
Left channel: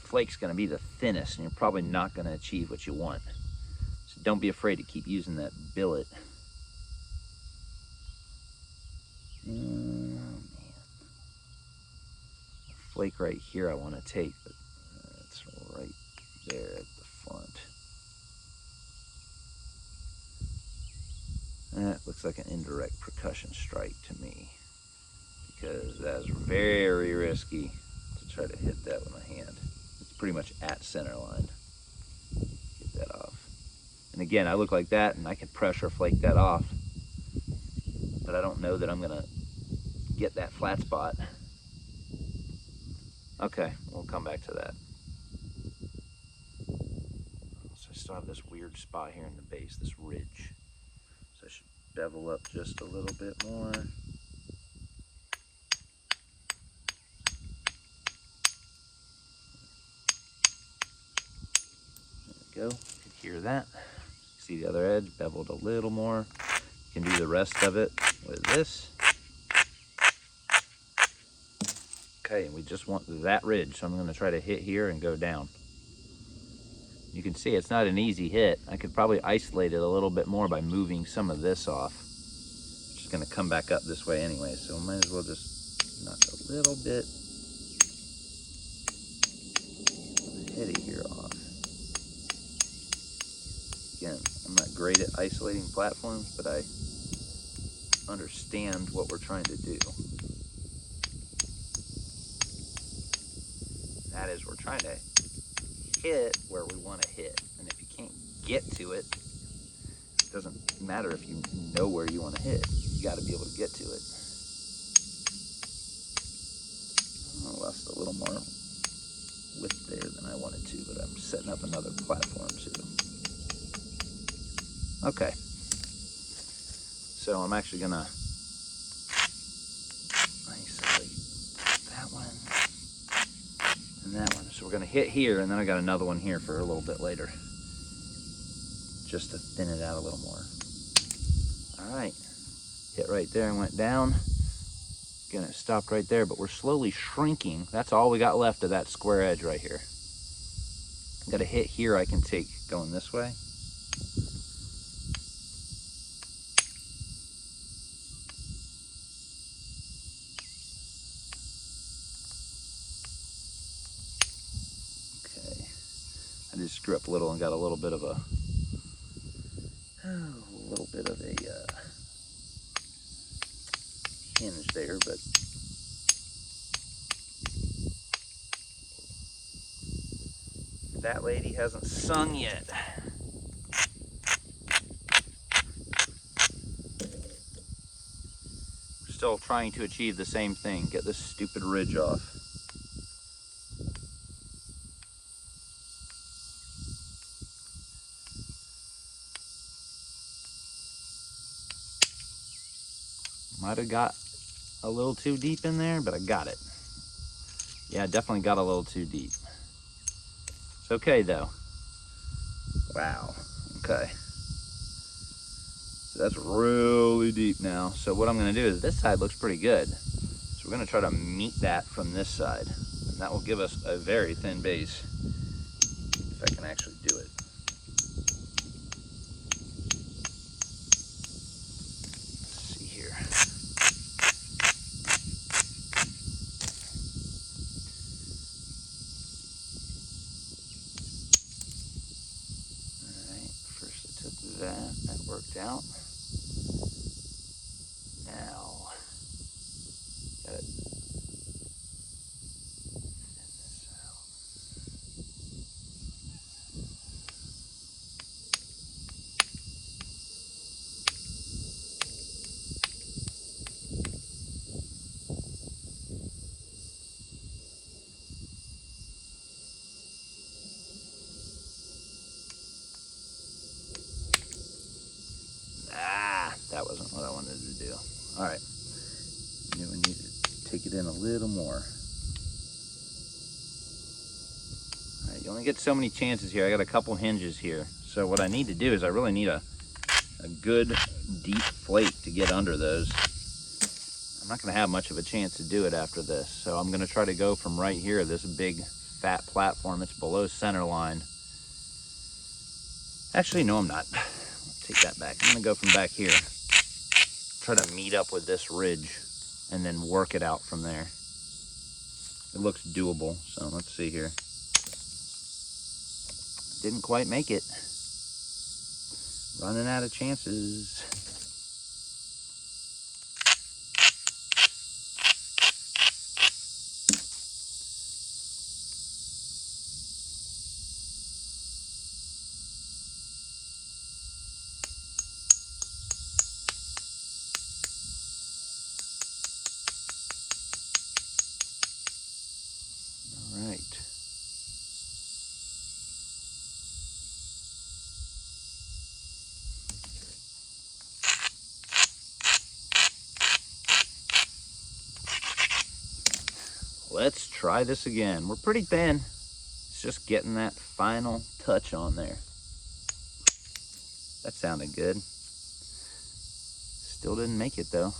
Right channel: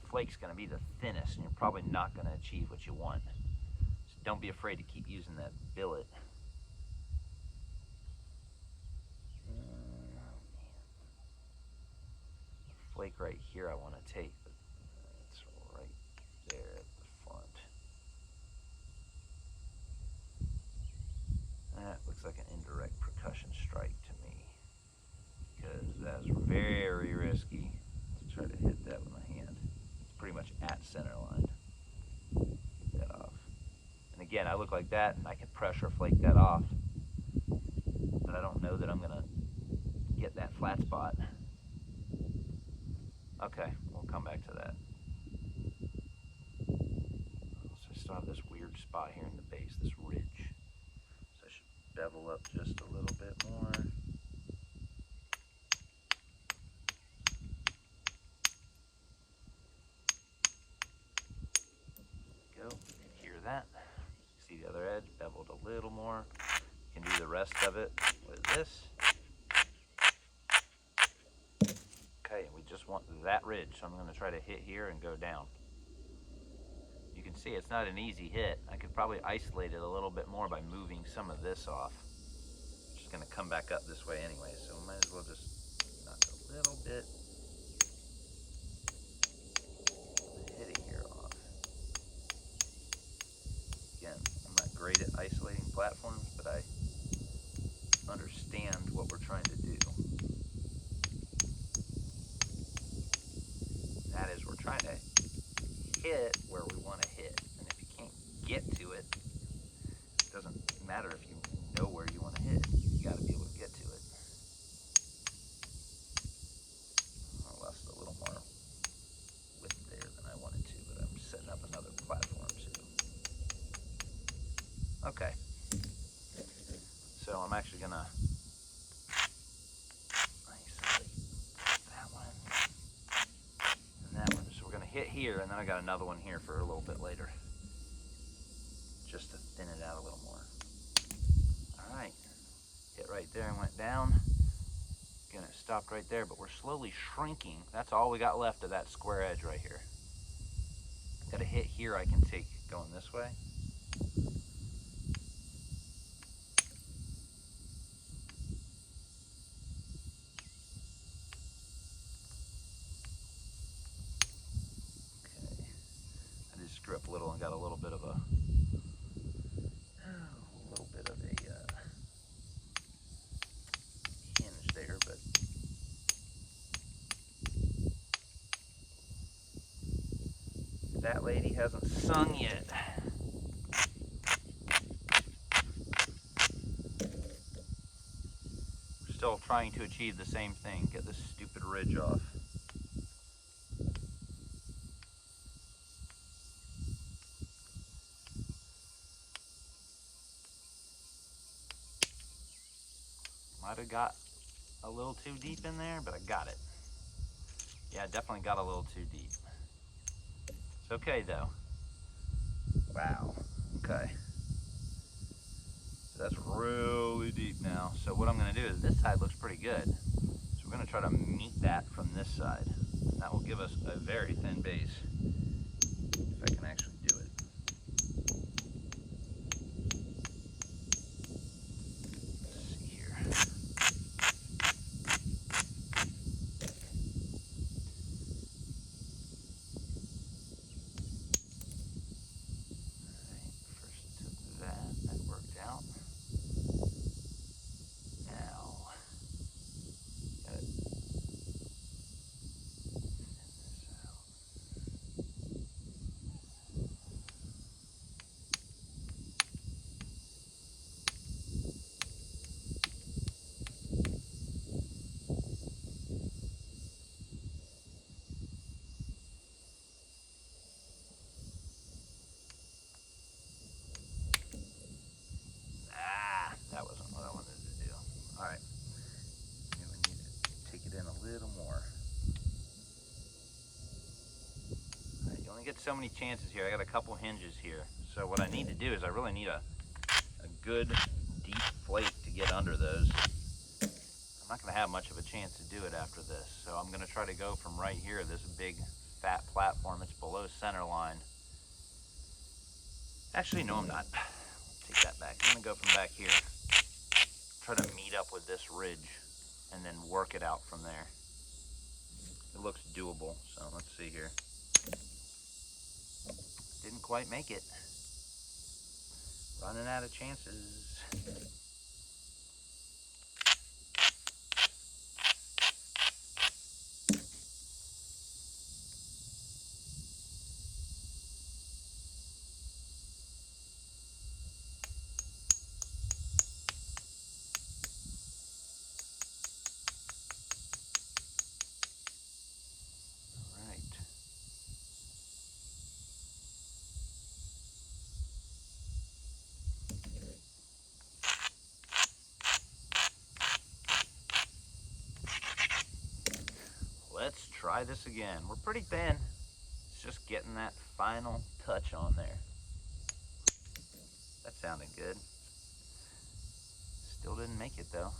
flake's going to be the thinnest, and you're probably not going to achieve what you want. So don't be afraid to keep using that billet. Oh man, flake right here I want to take, but it's right there at the front. That looks like an indirect percussion strike to me, because that's very risky to try to hit that with my hand. It's pretty much at center line. Get that off. And again, I look like that, and I can pressure flake that off, but I don't know that I'm gonna get that flat spot. Okay, we'll come back to that. So I still have this weird spot here in the base, this ridge. So I should bevel up just a little bit more. There we go. You can hear that. See the other edge beveled a little more. You can do the rest of it with this. Okay, and we just want that ridge, so I'm going to try to hit here and go down. You can see it's not an easy hit. I could probably isolate it a little bit more by moving some of this off, which is going to come back up this way anyway, so I might as well just knock a little bit of the heady here off. Again, I'm not great at isolating platforms, but I understand what we're trying to do. That is, we're trying to hit where we want to hit, and if you can't get to it, it doesn't matter if you know where you want to hit. You got to be able to get to it. I lost a little more width there than I wanted to, but I'm setting up another platform too. Okay, so I'm actually gonna isolate that one and that one. So we're gonna hit here, and then I got another one here for a little bit later, just to thin it out a little more. All right, hit right there and went down. Again, it stopped right there, but we're slowly shrinking. That's all we got left of that square edge right here. Got a hit here I can take going this way. I just screw up a little and got a little bit of a hinge there, but that lady hasn't sung yet. We're still trying to achieve the same thing, get this stupid ridge off. Might have got a little too deep in there, but I got it. Yeah, I definitely got a little too deep. It's okay though. Wow, okay. So that's really deep now. So what I'm gonna do is, this side looks pretty good. So we're gonna try to meet that from this side. And that will give us a very thin base, if I can actually do it. That worked out. Now, gotta thin this out. in a little more. All right, you only get so many chances here. I got a couple hinges here. So what I need to do is I really need a good deep flake to get under those. I'm not going to have much of a chance to do it after this. So I'm going to try to go from right here, this big fat platform. It's below center line. Actually, no, I'm not. Take that back. I'm going to go from back here. Try to meet up with this ridge and then work it out from there. It looks doable, so let's see here. Didn't quite make it. Running out of chances. All right. Let's try this again. We're pretty thin. It's just getting that final touch on there. That sounded good. Still didn't make it though.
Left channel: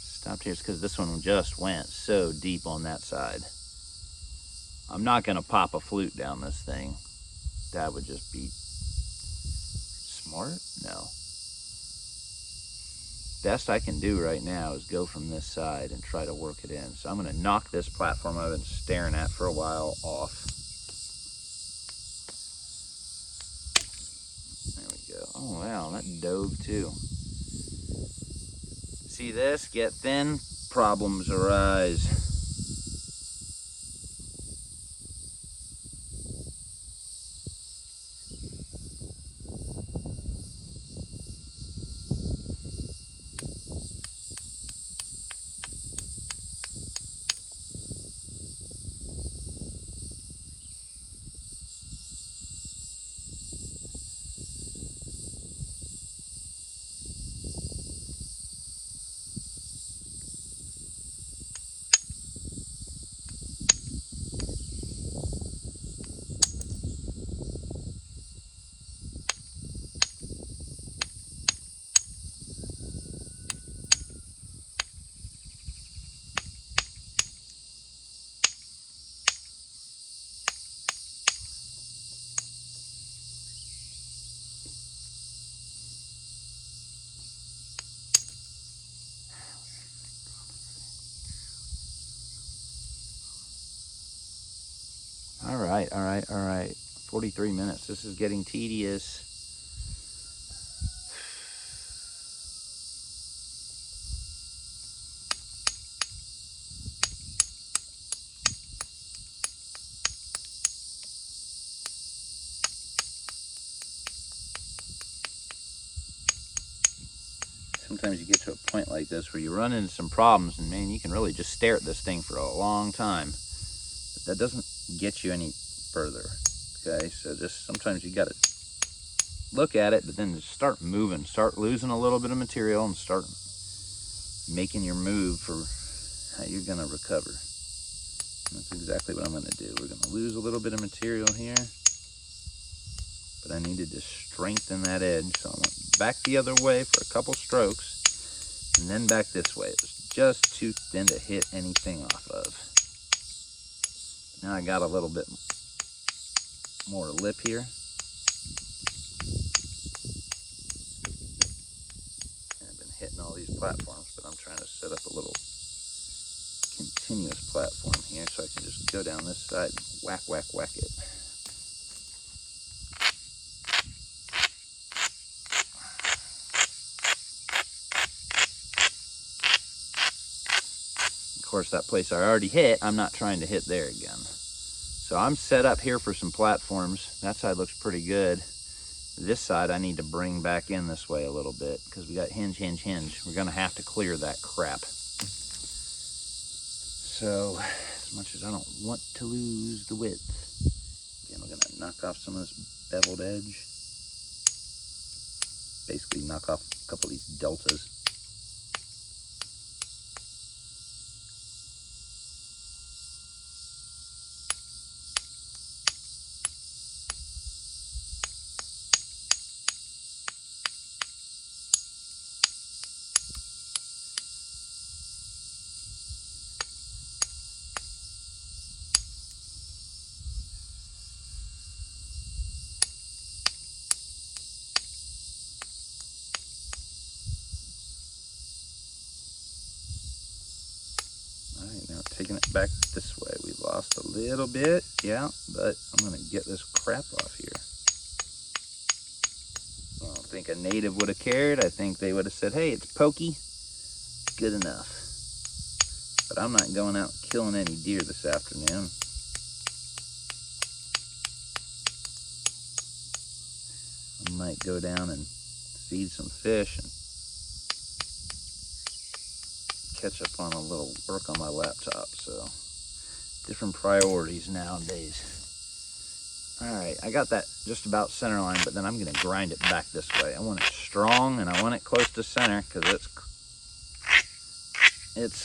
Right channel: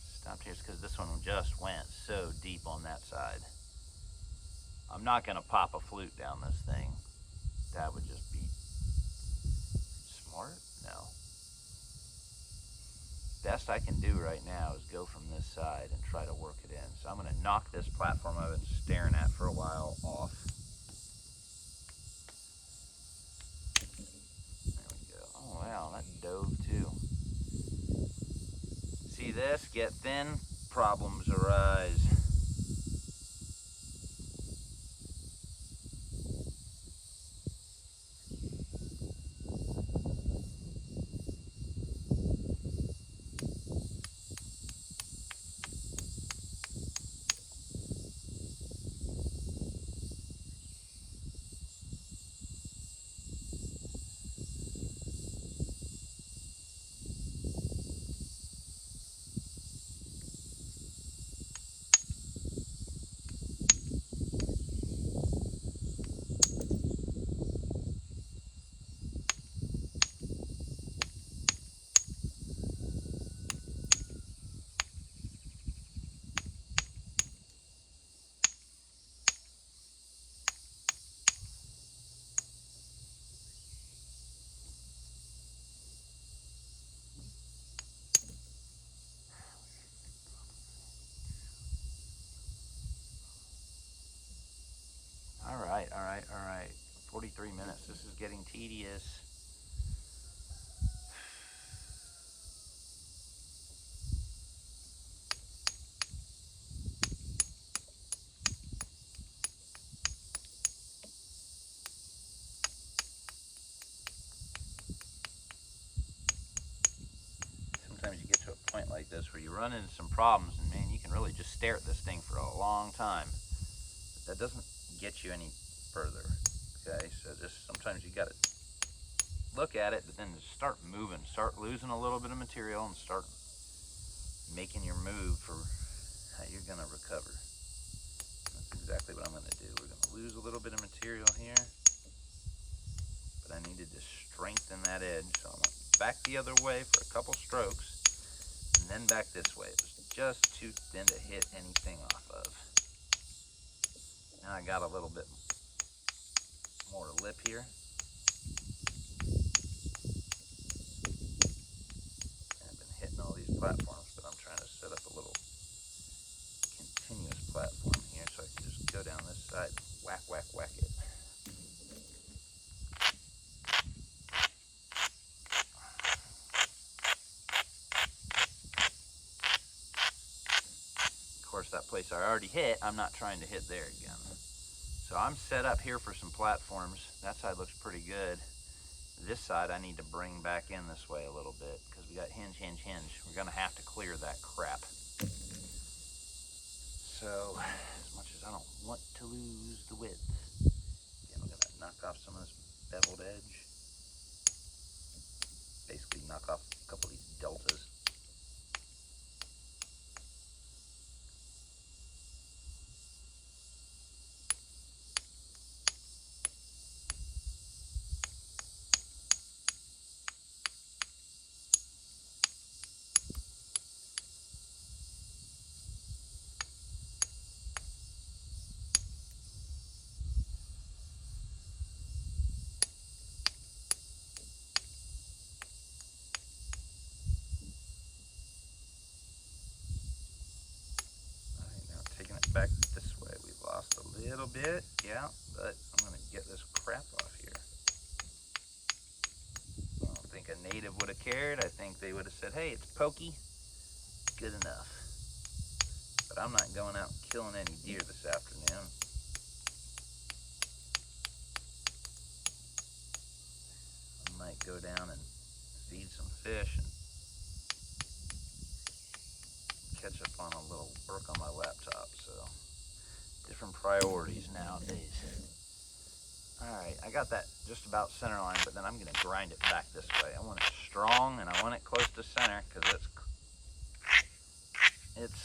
Stopped here because this one just went so deep on that side. I'm not gonna pop a flute down this thing. That would just be smart? No. Best I can do right now is go from this side and try to work it in. So I'm gonna knock this platform I've been staring at for a while off. There we go. Oh wow, that dove too. See this? Get thin, problems arise. All right. 43 minutes. This is getting tedious. Sometimes you get to a point like this where you run into some problems and man, you can really just stare at this thing for a long time. But that doesn't get you any further. Okay, so just sometimes you gotta look at it, but then just start moving, start losing a little bit of material and start making your move for how you're gonna recover. And that's exactly what I'm gonna do. We're gonna lose a little bit of material here, but I needed to strengthen that edge. So I went back the other way for a couple strokes and then back this way. It was just too thin to hit anything off of. Now I got a little bit more lip here. And I've been hitting all these platforms, but I'm trying to set up a little continuous platform here so I can just go down this side and whack, whack, whack it. Of course, that place I already hit, I'm not trying to hit there again. So I'm set up here for some platforms. That side looks pretty good. This side I need to bring back in this way a little bit because we got hinge, hinge, hinge. We're gonna have to clear that crap. So as much as I don't want to lose the width, again, we're gonna knock off some of this beveled edge. Basically knock off a couple of these deltas. little bit, yeah, but I'm gonna get this crap off here. I don't think a native would have cared. I think they would have said, hey, it's pokey, good enough. But I'm not going out killing any deer this afternoon. I might go down and feed some fish and catch up on a little work on my laptop. So different priorities nowadays. All right, I got that just about center line, but then I'm gonna grind it back this way. I want it strong and I want it close to center because it's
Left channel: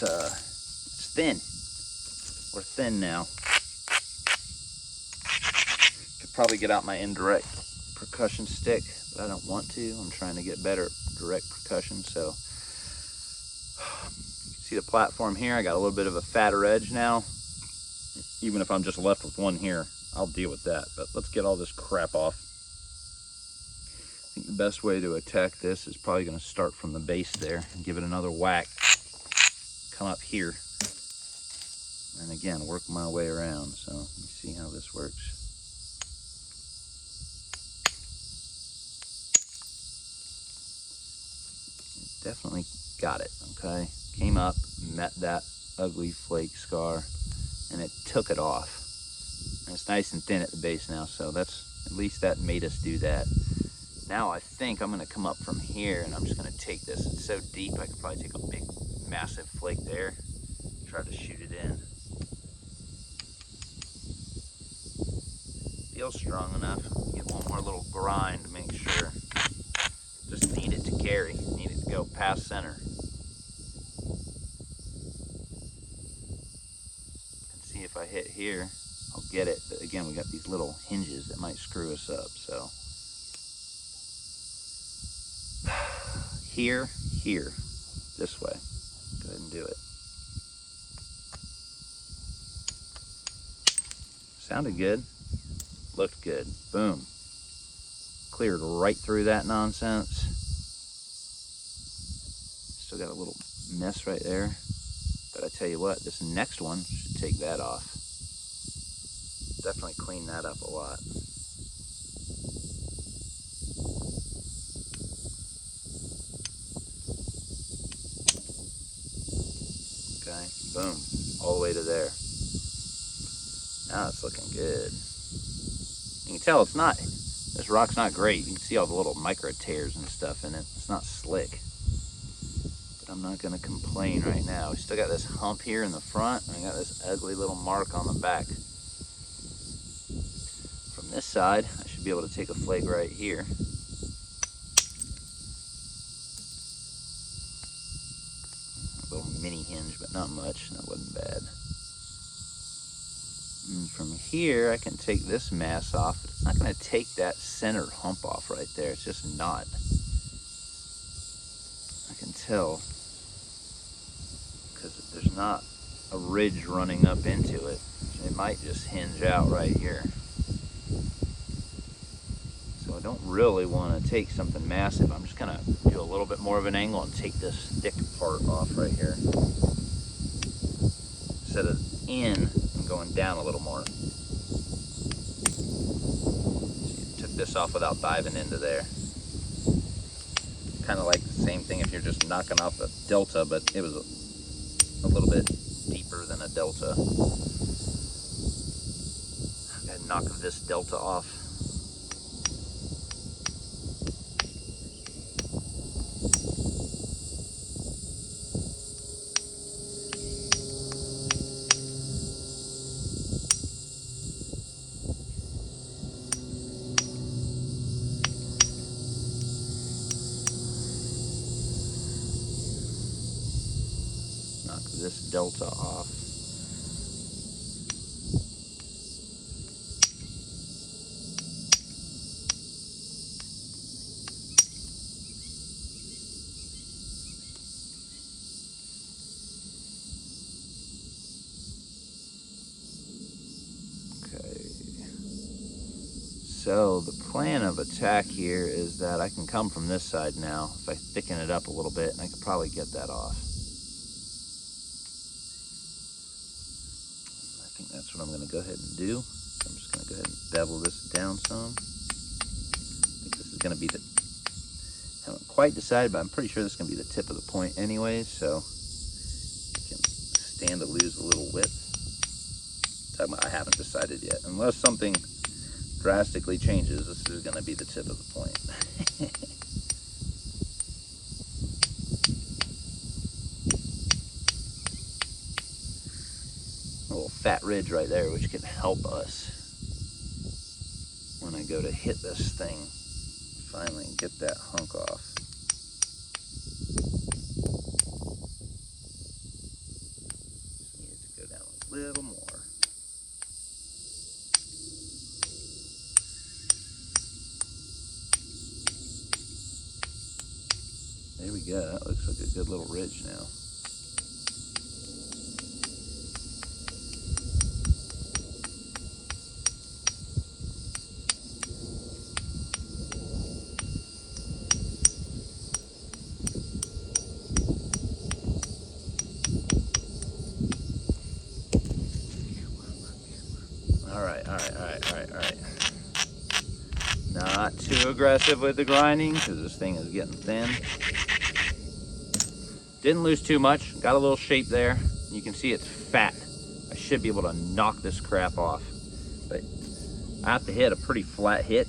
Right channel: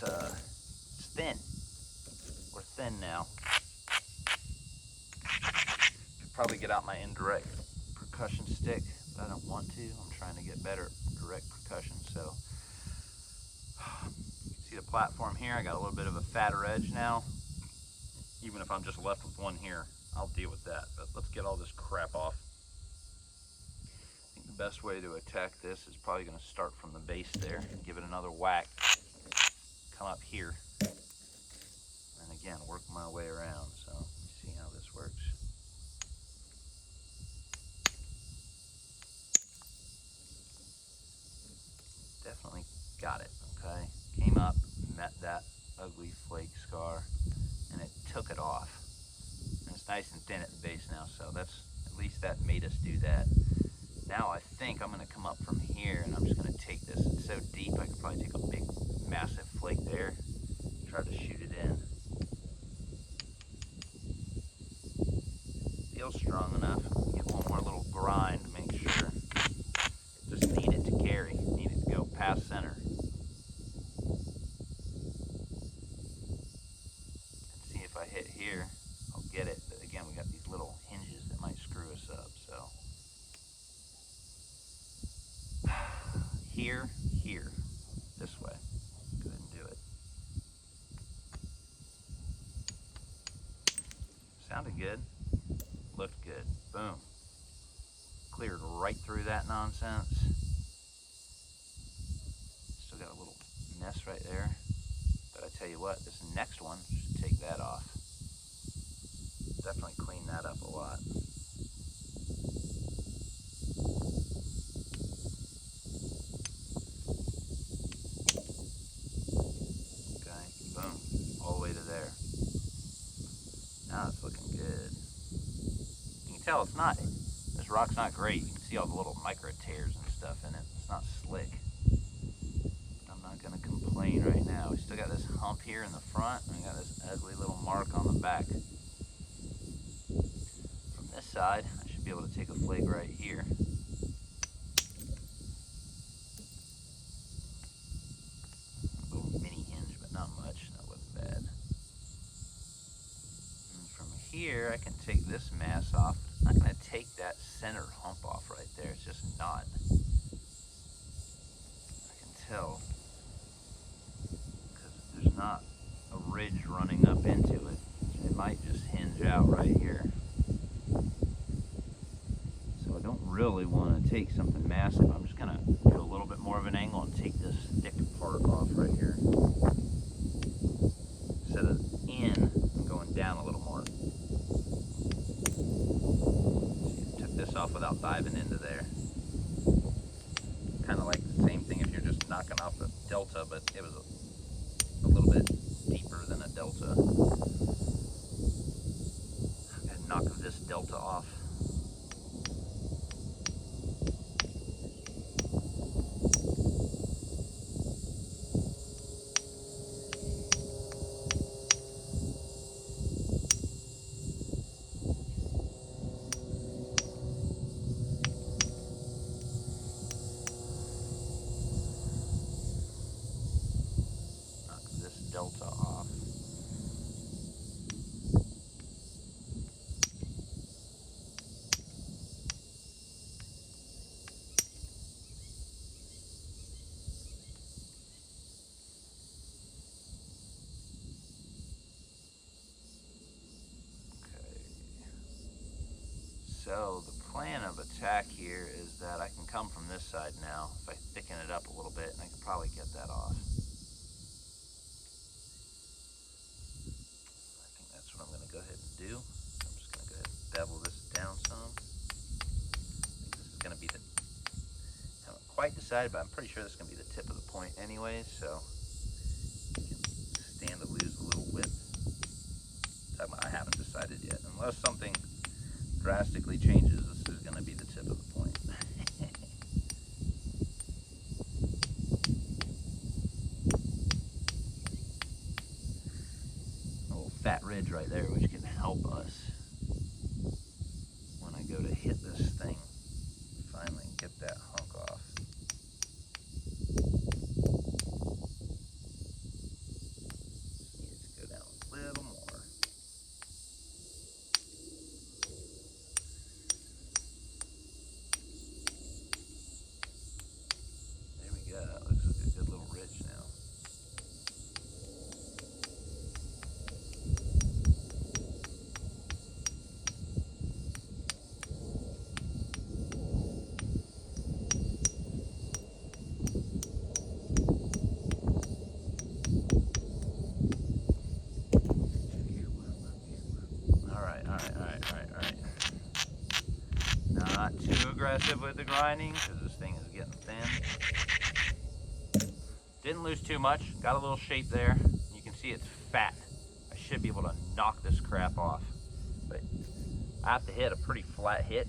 thin. We're thin now. Could probably get out my indirect percussion stick, but I don't want to. I'm trying to get better at direct percussion. So see the platform here, I got a little bit of a fatter edge now. Even if I'm just left with one here, I'll deal with that. But let's get all this crap off. I think the best way to attack this is probably going to start from the base there and give it another whack. Come up here. And again, work my way around. So let me see how this works. Definitely got it, okay? Came up, met that ugly flake scar, and it took it off. And it's nice and thin at the base now, so that's, at least that made us do that. Now I think I'm gonna come up from here and I'm just gonna take this. It's so deep, I could probably take a big, massive flake there, try to shoot it in. Feels strong enough. Get one more little grind to make sure. Just need it to carry, need it to go past center. See if I hit here, I'll get it. But again, we got these little hinges that might screw us up, so. Here, this way. Go ahead and do it. Sounded good, looked good, boom. Cleared right through that nonsense. Still got a little mess right there. But I tell you what, this next one should take that off. Definitely clean that up a lot. Okay, boom, all the way to there. Now it's looking good. You can tell it's not, this rock's not great. You can see all the little micro tears and stuff in it. It's not slick. But I'm not gonna complain right now. We still got this hump here in the front, and I got this ugly little mark on the back. From this side, I should be able to take a flake right here. A little mini hinge, but not much. That wasn't bad. And from here, I can take this mass off. But it's not going to take that center hump off right there. It's just not. I can tell because there's not a ridge running up into it. It might just hinge out right here. So I don't really want to take something massive. I'm just going to do a little bit more of an angle and take this thick part off right here. Instead of in, I'm going down a little more. See, took this off without diving into there. Kind of like the same thing if you're just knocking off a delta, but it was a little bit deeper than a delta. I'm gonna knock this delta off. This delta off. Okay. So the plan of attack here is that I can come from this side now. If I thicken it up a little bit, and I could probably get that off. That's what I'm going to go ahead and do. I'm just going to go ahead and bevel this down some. I think this is going to be the, haven't quite decided, but I'm pretty sure this is going to be the tip of the point anyway, so you can stand to lose a little width. I haven't decided yet. Unless something drastically changes, this is going to be the tip of the point. A little fat ridge right there, which can help us when I go to hit this thing finally and get that hunk off. Just need it to go down a little more. There we go. That looks like a good little ridge now. All right. Not too aggressive with the grinding because this thing is getting thin. Didn't lose too much. Got a little shape there. You can see it's fat. I should be able to knock this crap off. But I have to hit a pretty flat hit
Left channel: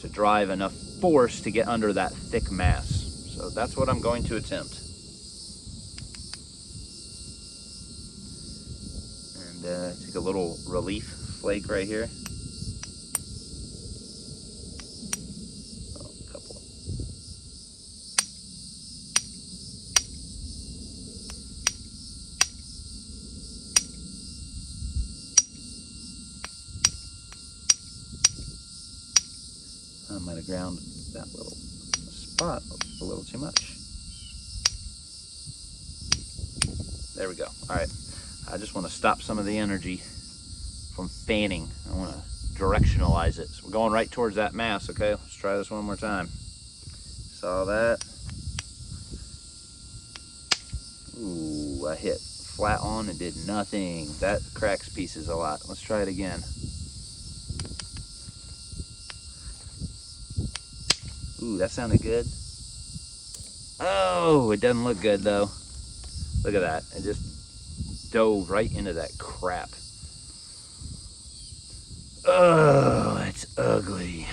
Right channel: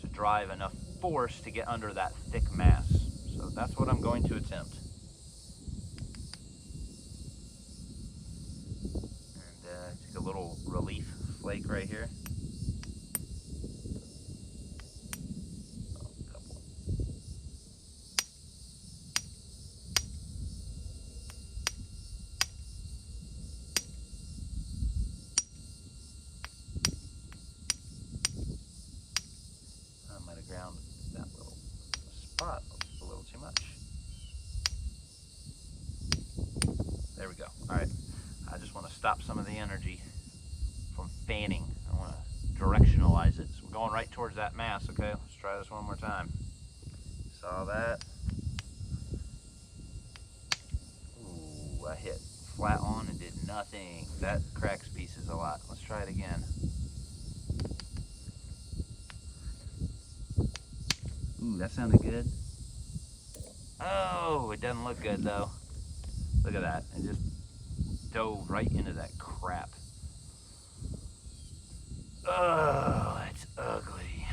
to drive enough force to get under that thick mass. So that's what I'm going to attempt. And take a little relief flake right here. Oh, a couple. I might have ground that little spot a little too much. There we go. All right. I just want to stop some of the energy from fanning. I want to directionalize it. So we're going right towards that mass, okay? Let's try this one more time. Saw that. Ooh, I hit flat on and did nothing. That cracks pieces a lot. Let's try it again. Ooh, that sounded good. Oh, it doesn't look good though. Look at that. It just dove right into that crap. Oh, it's ugly.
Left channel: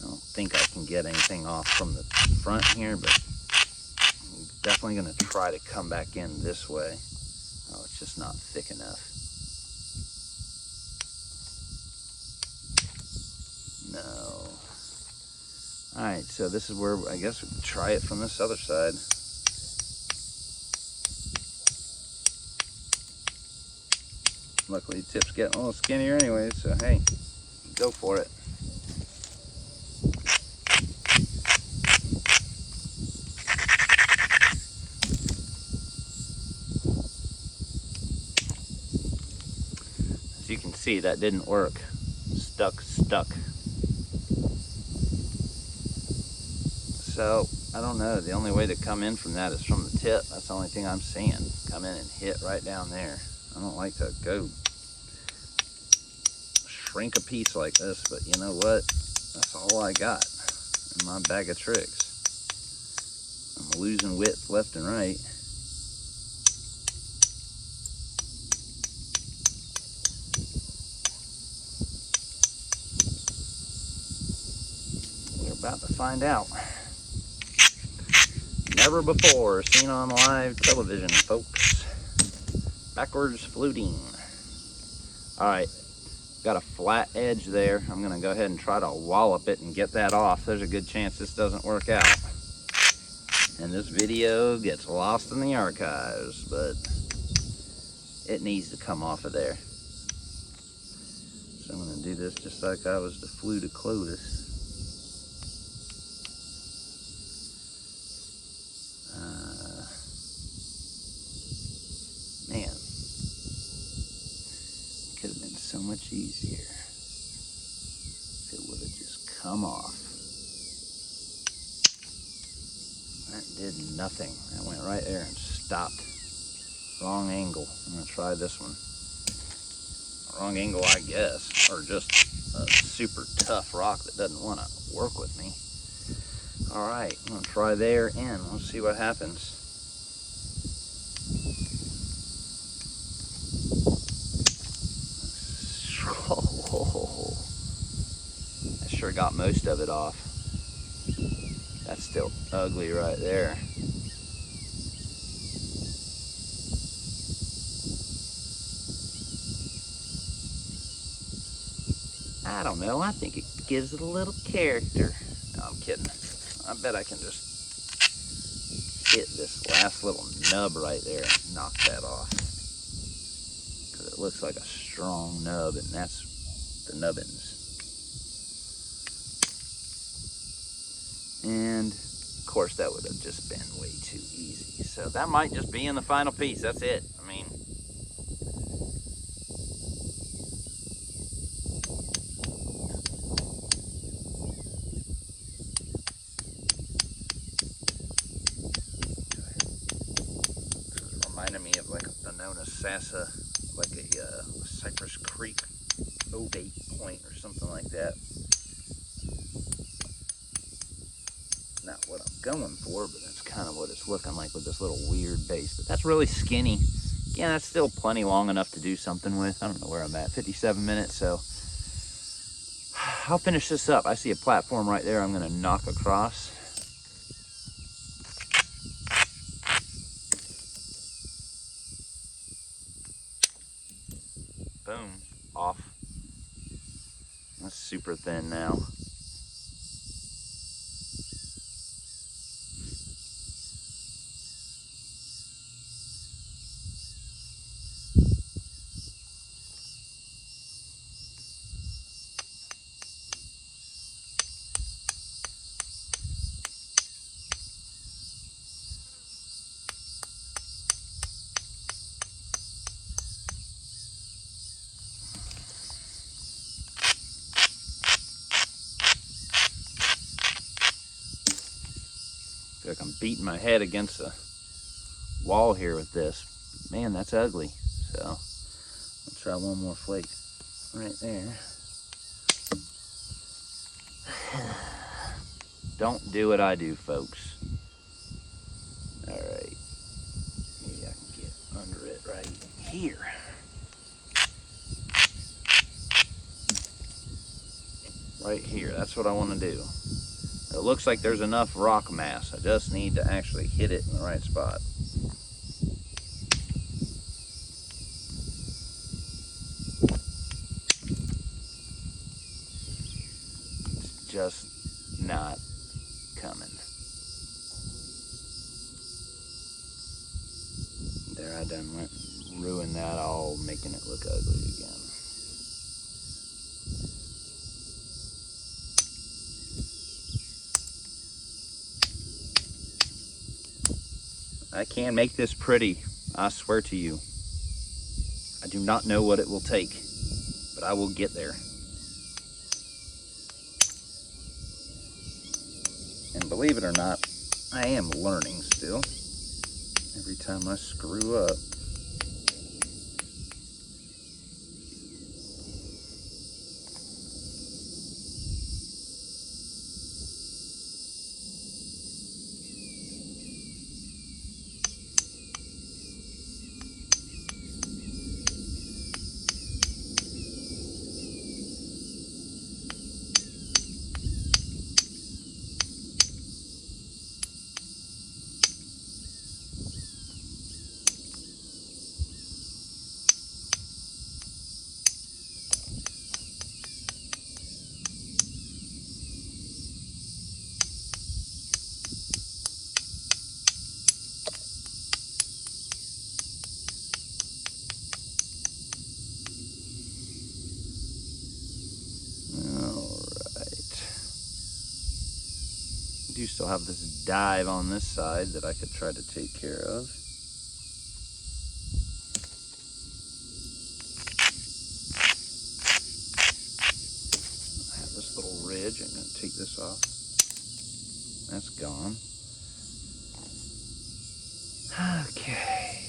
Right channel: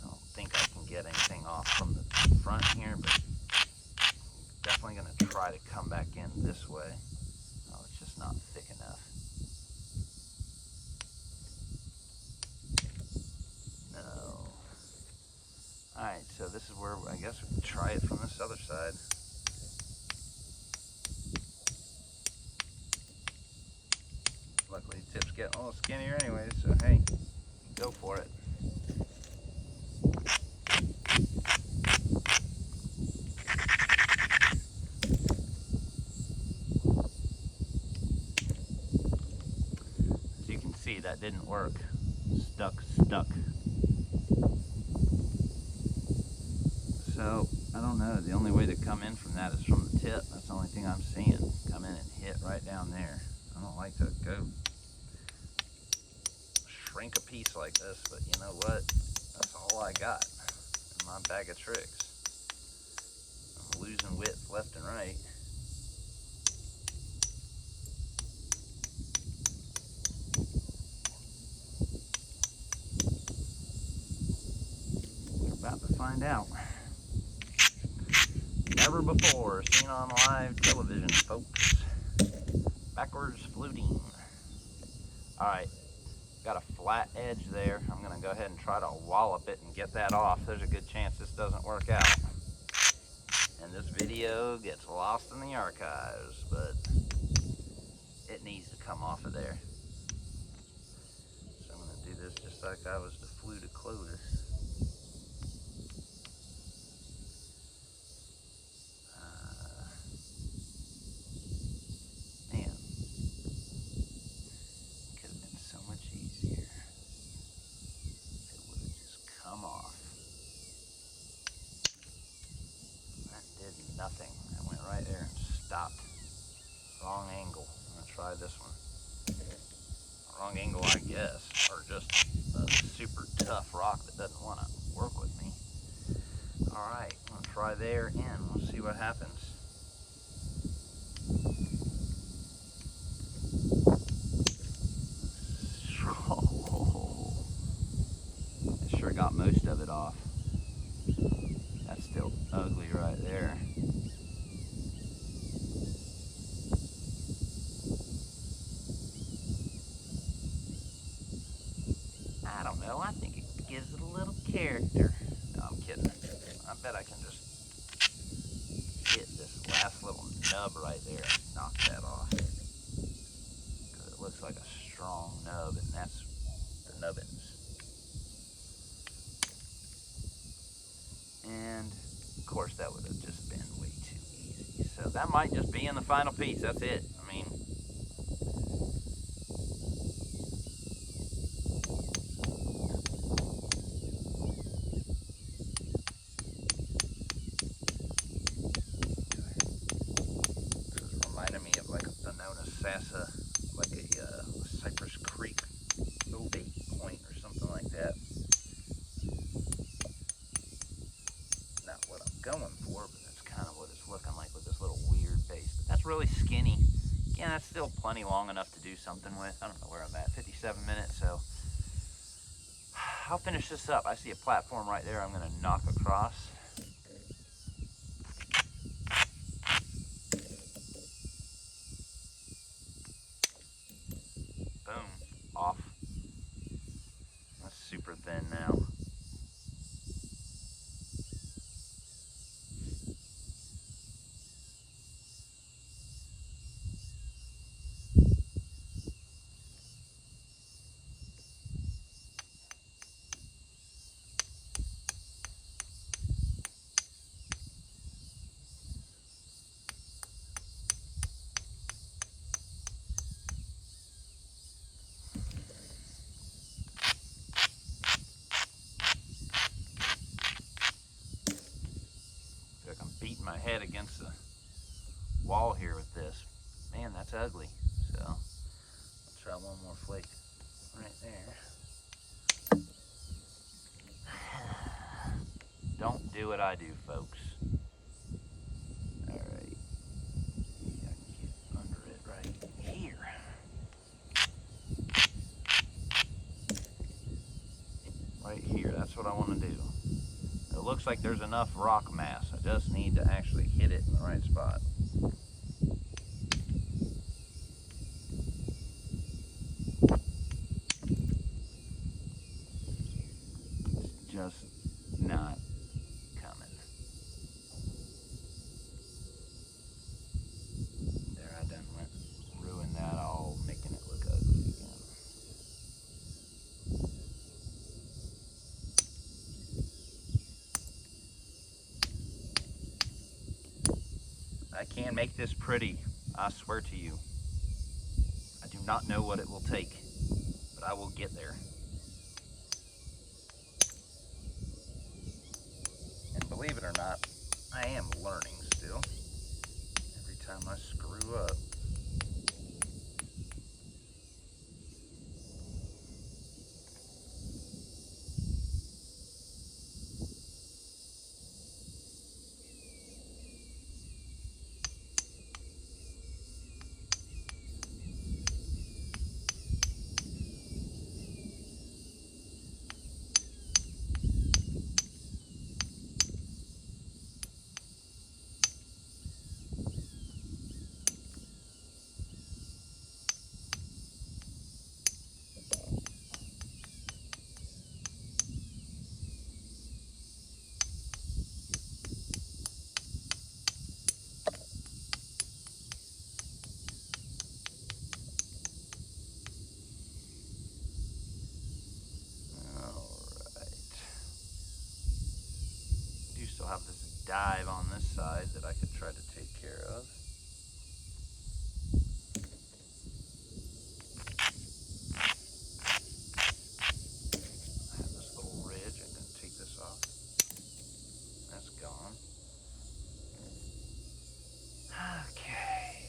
I don't think I can get anything off from the front here, but I'm definitely going to try to come back in this way. Oh, it's just not thick enough. No. Alright, so this is where I guess we can try it from this other side. Luckily, the tip's getting a little skinnier anyway, so hey, go for it. As you can see, that didn't work. Stuck. So, I don't know. The only way to come in from that is from the tip. That's the only thing I'm seeing. Come in and hit right down there. I don't like to go shrink a piece like this, but you know what? That's all I got in my bag of tricks. I'm losing width left and right. We're about to find out. Never before seen on live television, folks. Backwards fluting. Alright, got a flat edge there. I'm going to go ahead and try to wallop it and get that off. There's a good chance this doesn't work out. And this video gets lost in the archives, but it needs to come off of there. So I'm going to do this just like I was the flute of Clovis. Man, could have been so much easier if it would have just come off. That did nothing. That went right there and stopped. Wrong angle. I'm gonna try this one. Wrong angle, I guess, or just a super tough rock that doesn't want to work with me. All right, I'm gonna try there and we'll see what happens. Oh, I sure got most of it off. That's still ugly right there. I don't know, I think it gives it a little character. No, I'm kidding. I bet I can just hit this last little nub right there and knock that off. Because it looks like a strong nub, and that's the nubbins. And of course that would have just been way too easy. So that might just be in the final piece. That's it. I mean, this is reminding me of like a known as Sassa, like a Cypress Creek ovate point or something like that. Not what I'm going for, but that's kind of what it's looking like with this little weird base. But that's really skinny. Again, that's still plenty long enough to do something with. I don't know where I'm at, 57 minutes, so I'll finish this up. I see a platform right there I'm gonna knock across. Boom, off. That's super thin now. I feel like I'm beating my head against the wall here with this. Man, that's ugly. So I'll try one more flake right there. Don't do what I do, folks. All right, maybe I can get under it right here. Right here, that's what I want to do. It looks like there's enough rock mass. I just need to actually hit it in the right spot. It's just not coming. There, I done went and ruined that all, making it look ugly again. I can make this pretty, I swear to you. I do not know what it will take, but I will get there. And believe it or not, I am learning still. Every time I screw up. I do still have this dive on this side that I could try to take care of. I have this little ridge. I'm going to take this off. That's gone. Okay.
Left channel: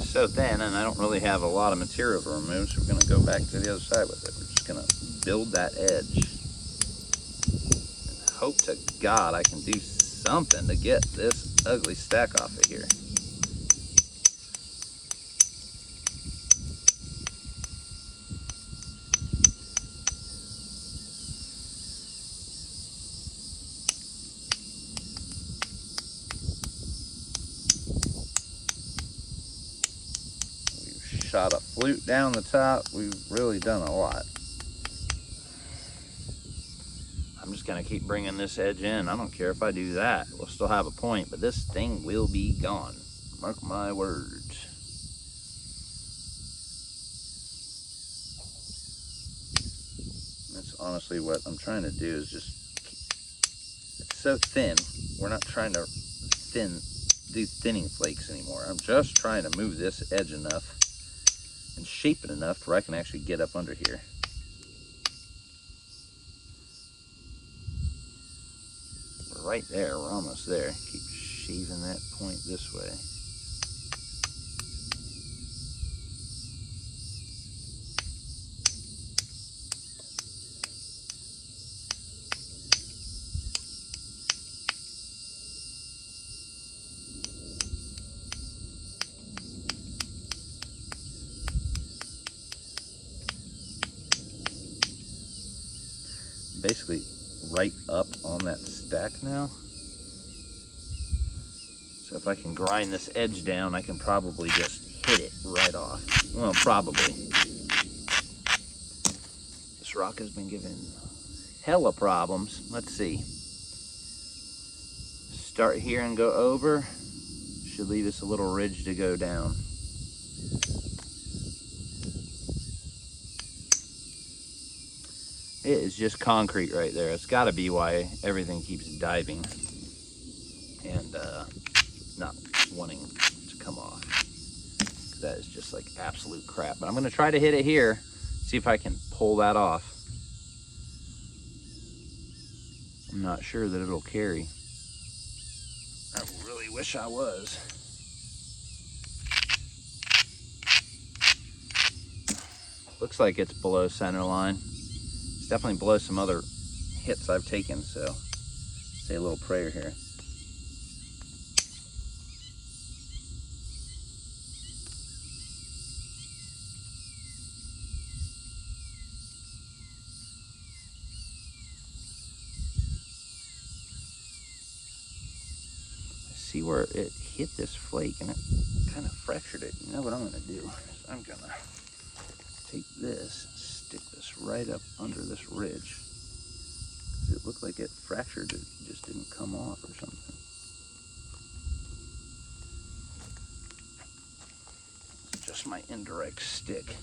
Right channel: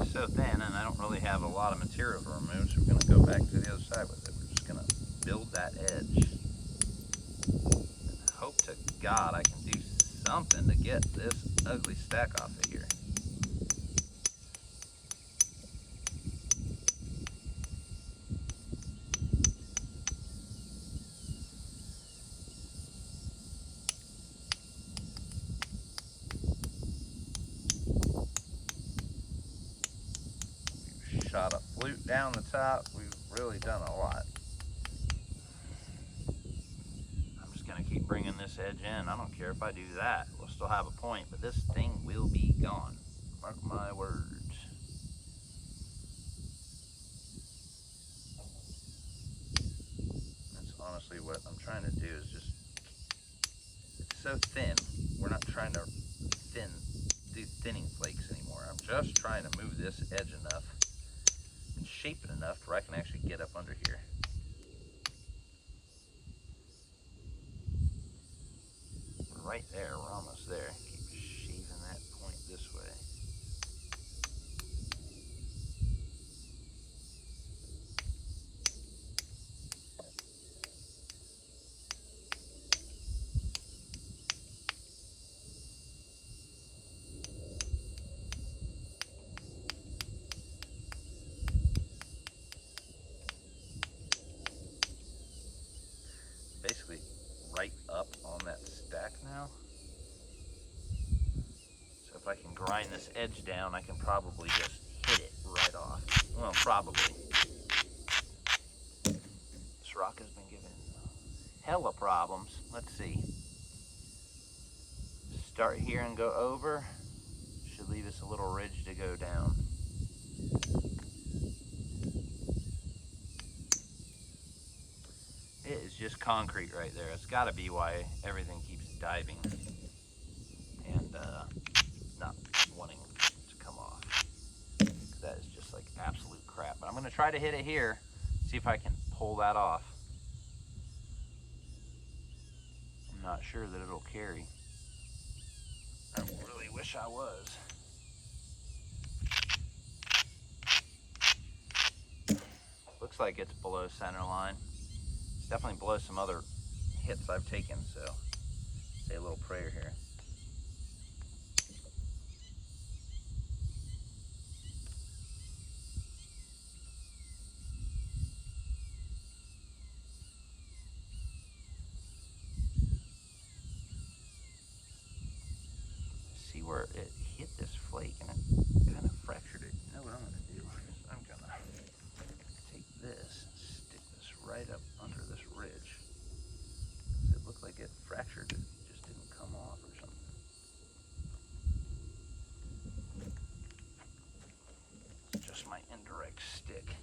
is so thin, and I don't really have a lot of material to remove, so we're going to go back to the other side with it. We're just going to build that edge. And hope to God I can do something to get this ugly stack off of here. Shot a flute down the top. We've really done a lot. I'm just gonna keep bringing this edge in. I don't care if I do that. We'll still have a point, but this thing will be gone. Mark my words. That's honestly what I'm trying to do, is just, it's so thin. We're not trying to do thinning flakes anymore. I'm just trying to move this edge enough and shape it enough where I can actually get up under here. We're right there, we're almost there. Keep shaving that point this way. Basically right up on that stack now. So if I can grind this edge down, I can probably just hit it right off. Well, probably. This rock has been giving hella problems. Let's see. Start here and go over. Should leave us a little ridge to go down. It is just concrete right there. It's got to be why everything keeps diving and not wanting to come off. That is just like absolute crap. But I'm going to try to hit it here, see if I can pull that off. I'm not sure that it'll carry. I really wish I was. Looks like it's below center line. It's definitely below some other hits I've taken, so say a little prayer here. See where it hit this flake and it kind of fractured it. You know what I'm going to do? I'm going to take this, stick this right up under this ridge. It looked like it fractured, it just didn't come off or something. It's just my indirect stick.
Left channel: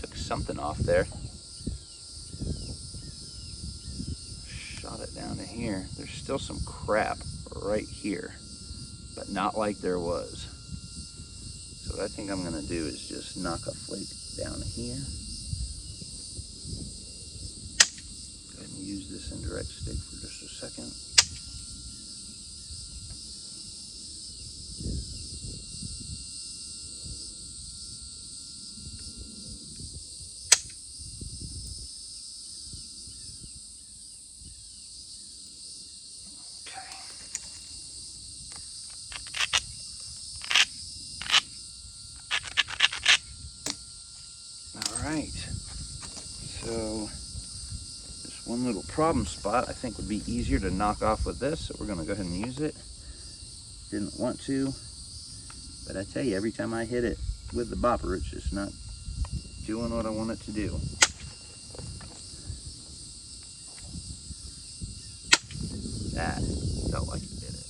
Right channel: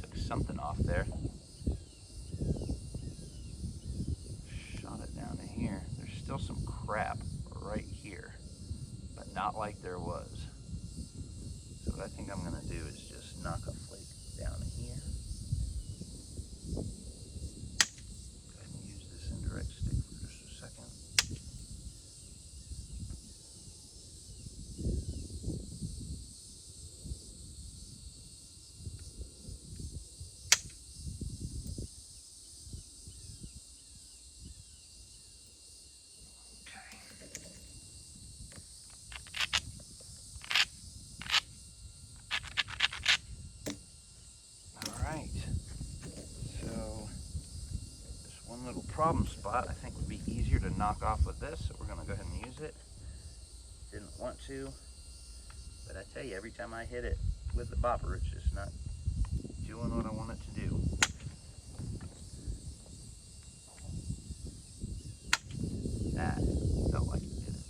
Took something off there. Shot it down to here. There's still some crap right here, but not like there was. So what I think I'm gonna do is just knock a flake down here. Go ahead and use this indirect stick for just a second. Alright, so this one little problem spot I think would be easier to knock off with this, so we're going to go ahead and use it. Didn't want to, but I tell you, every time I hit it with the bopper, it's just not doing what I want it to do. That felt like it did it.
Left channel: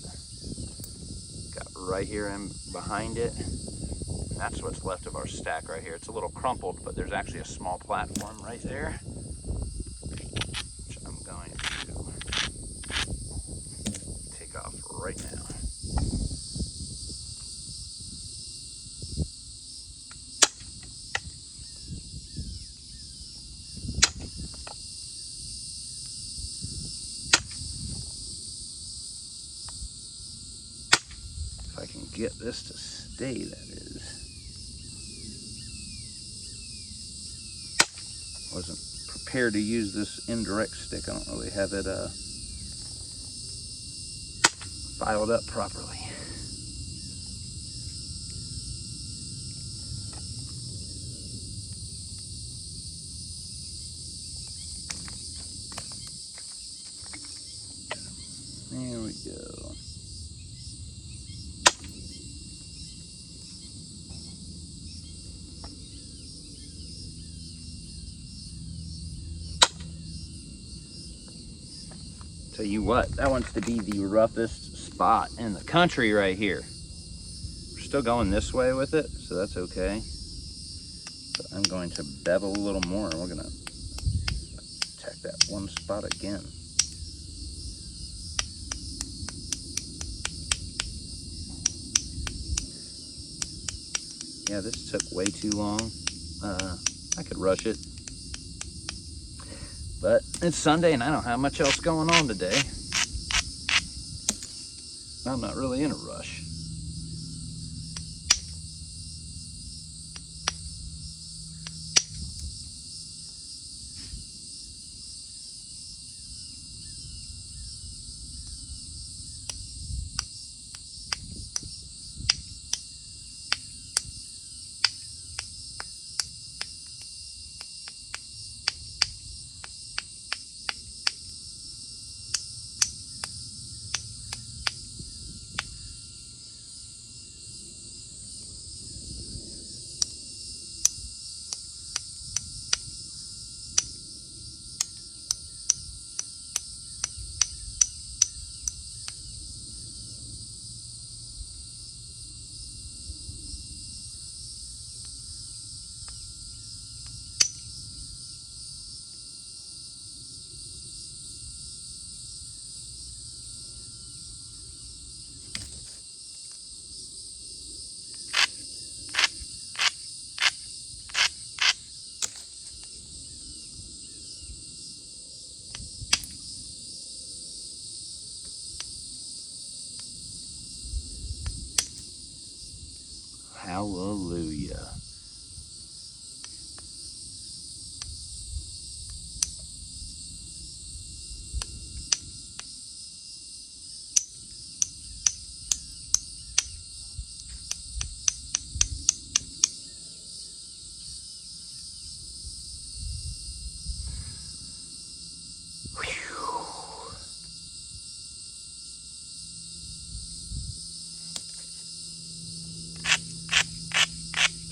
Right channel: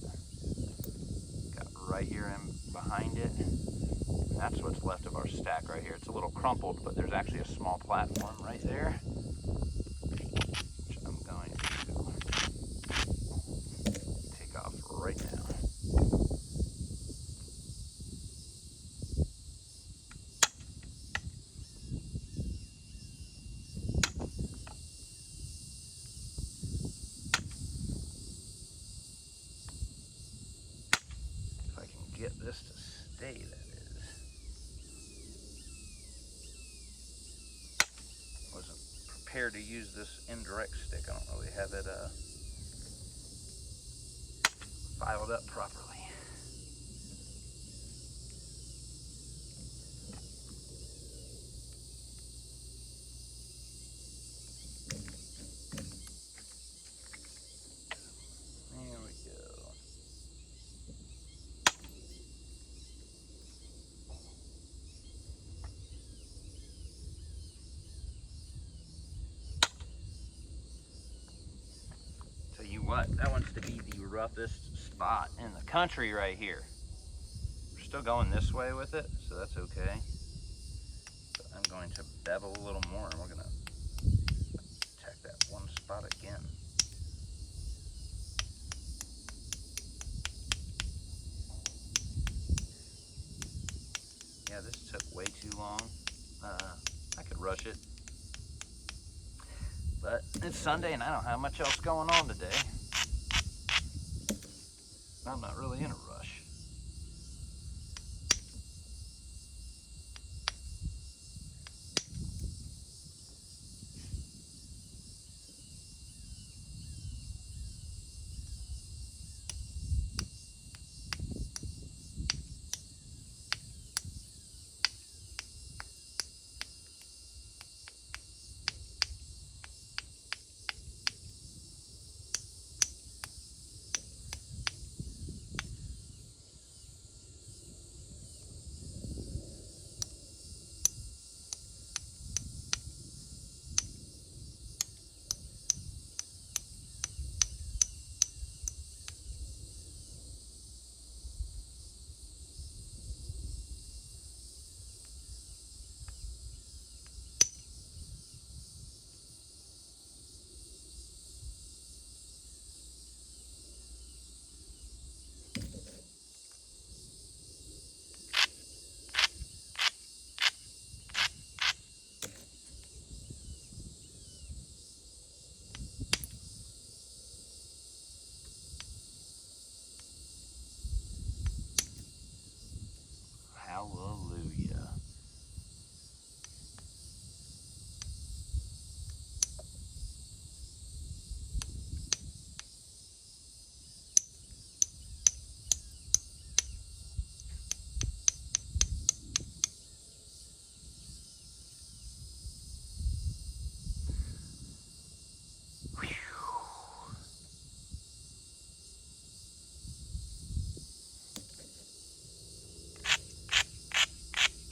Got right here in behind it. That's what's left of our stack right here. It's a little crumpled, but there's actually a small platform right there, which I'm going to take off right now. get this to stay, that is. Wasn't prepared to use this indirect stick. I don't really have it filed up properly. There we go. Tell you what, that wants to be the roughest spot in the country right here. We're still going this way with it, so that's okay. But I'm going to bevel a little more, and we're gonna attack that one spot again. Yeah, this took way too long. I could rush it. But it's Sunday and I don't have much else going on today. I'm not really in a rush. Hallelujah.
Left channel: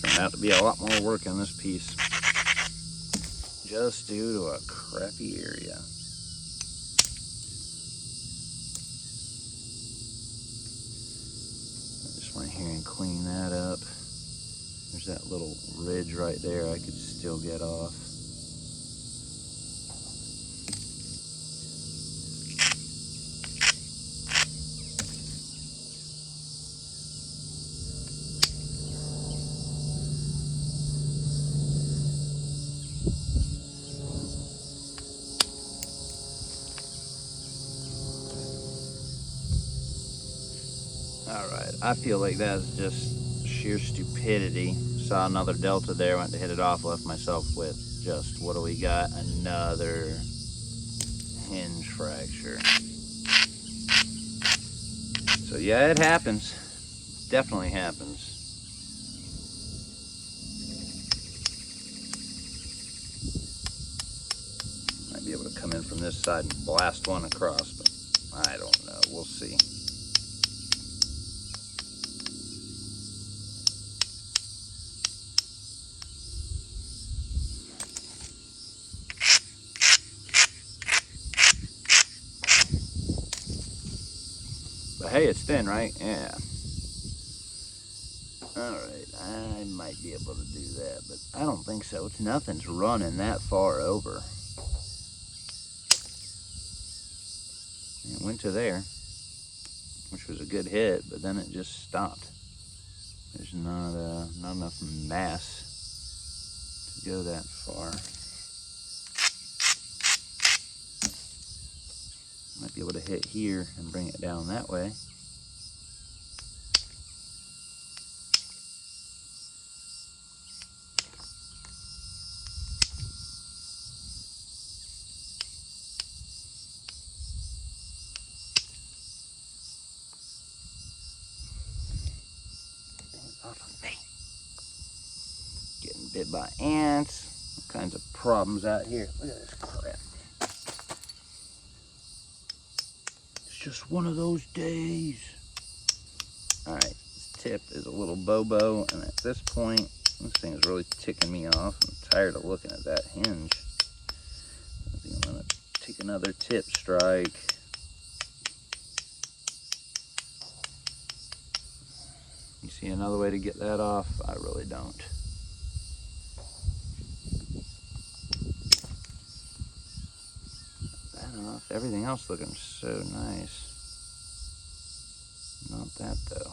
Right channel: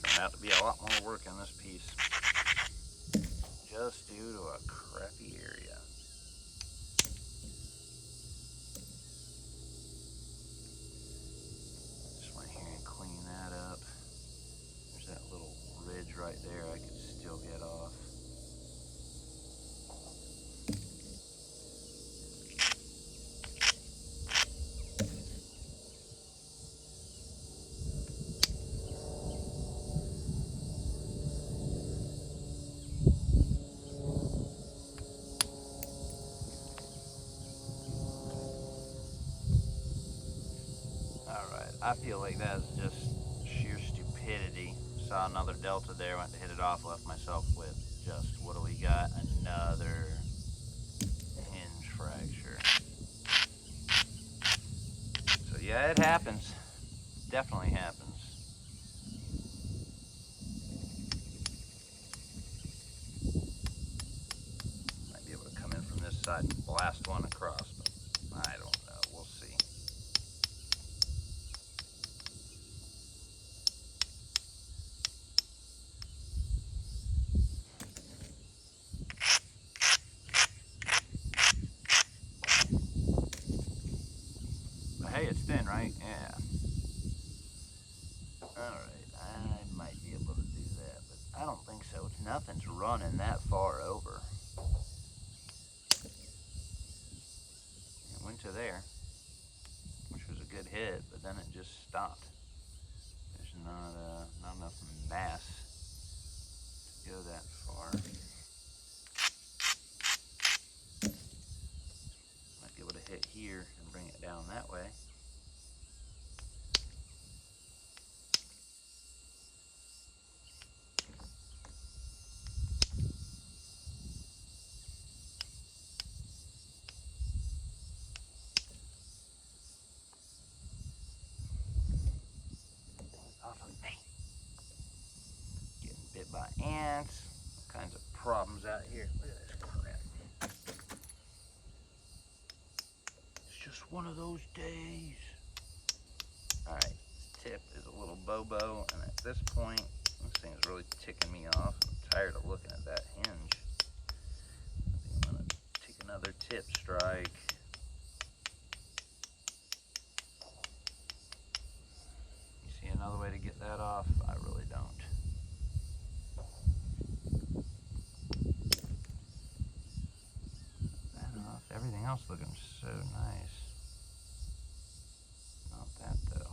Turned out to be a lot more work in this piece, just due to a crappy area. I just went here and clean that up. There's that little ridge right there I could still get off. Alright, I feel like that's just sheer stupidity. Saw another delta there, went to hit it off, left myself with just, what do we got? Another hinge fracture. So yeah, it happens. Definitely happens. Might be able to come in from this side and blast one across, but I don't know. We'll see. But hey, it's thin, right? Yeah. Alright, I might be able to do that, but I don't think so. Nothing's running that far over. It went to there, which was a good hit, but then it just stopped. There's not enough mass to go that far. Might be able to hit here and bring it down that way. bit by ants, all kinds of problems out here. Look at this crap. It's just one of those days. All right, this tip is a little bobo, and at this point, this thing is really ticking me off. I'm tired of looking at that hinge. I think I'm gonna take another tip strike. You see another way to get that off? I really don't. That off. Everything else looking so nice. Not that though.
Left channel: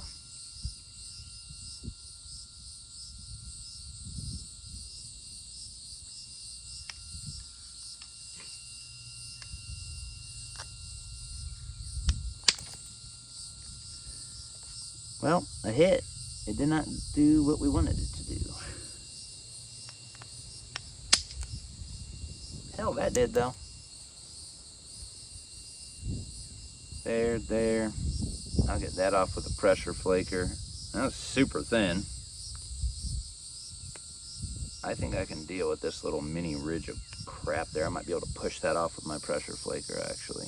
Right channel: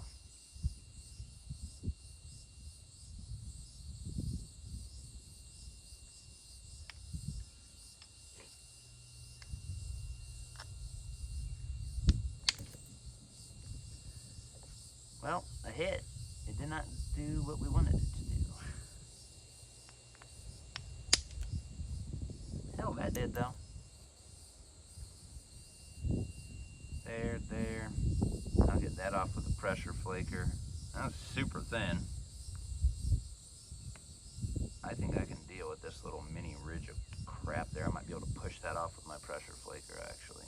Well, a hit. It did not do what we wanted it to do. Hell, that did though. There. I'll get that off with a pressure flaker. That was super thin. I think I can deal with this little mini ridge of crap there. I might be able to push that off with my pressure flaker, actually.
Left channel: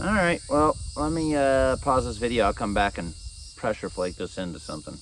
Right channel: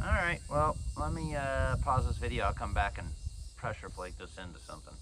Alright, well, let me pause this video. I'll come back and pressure flake this into something.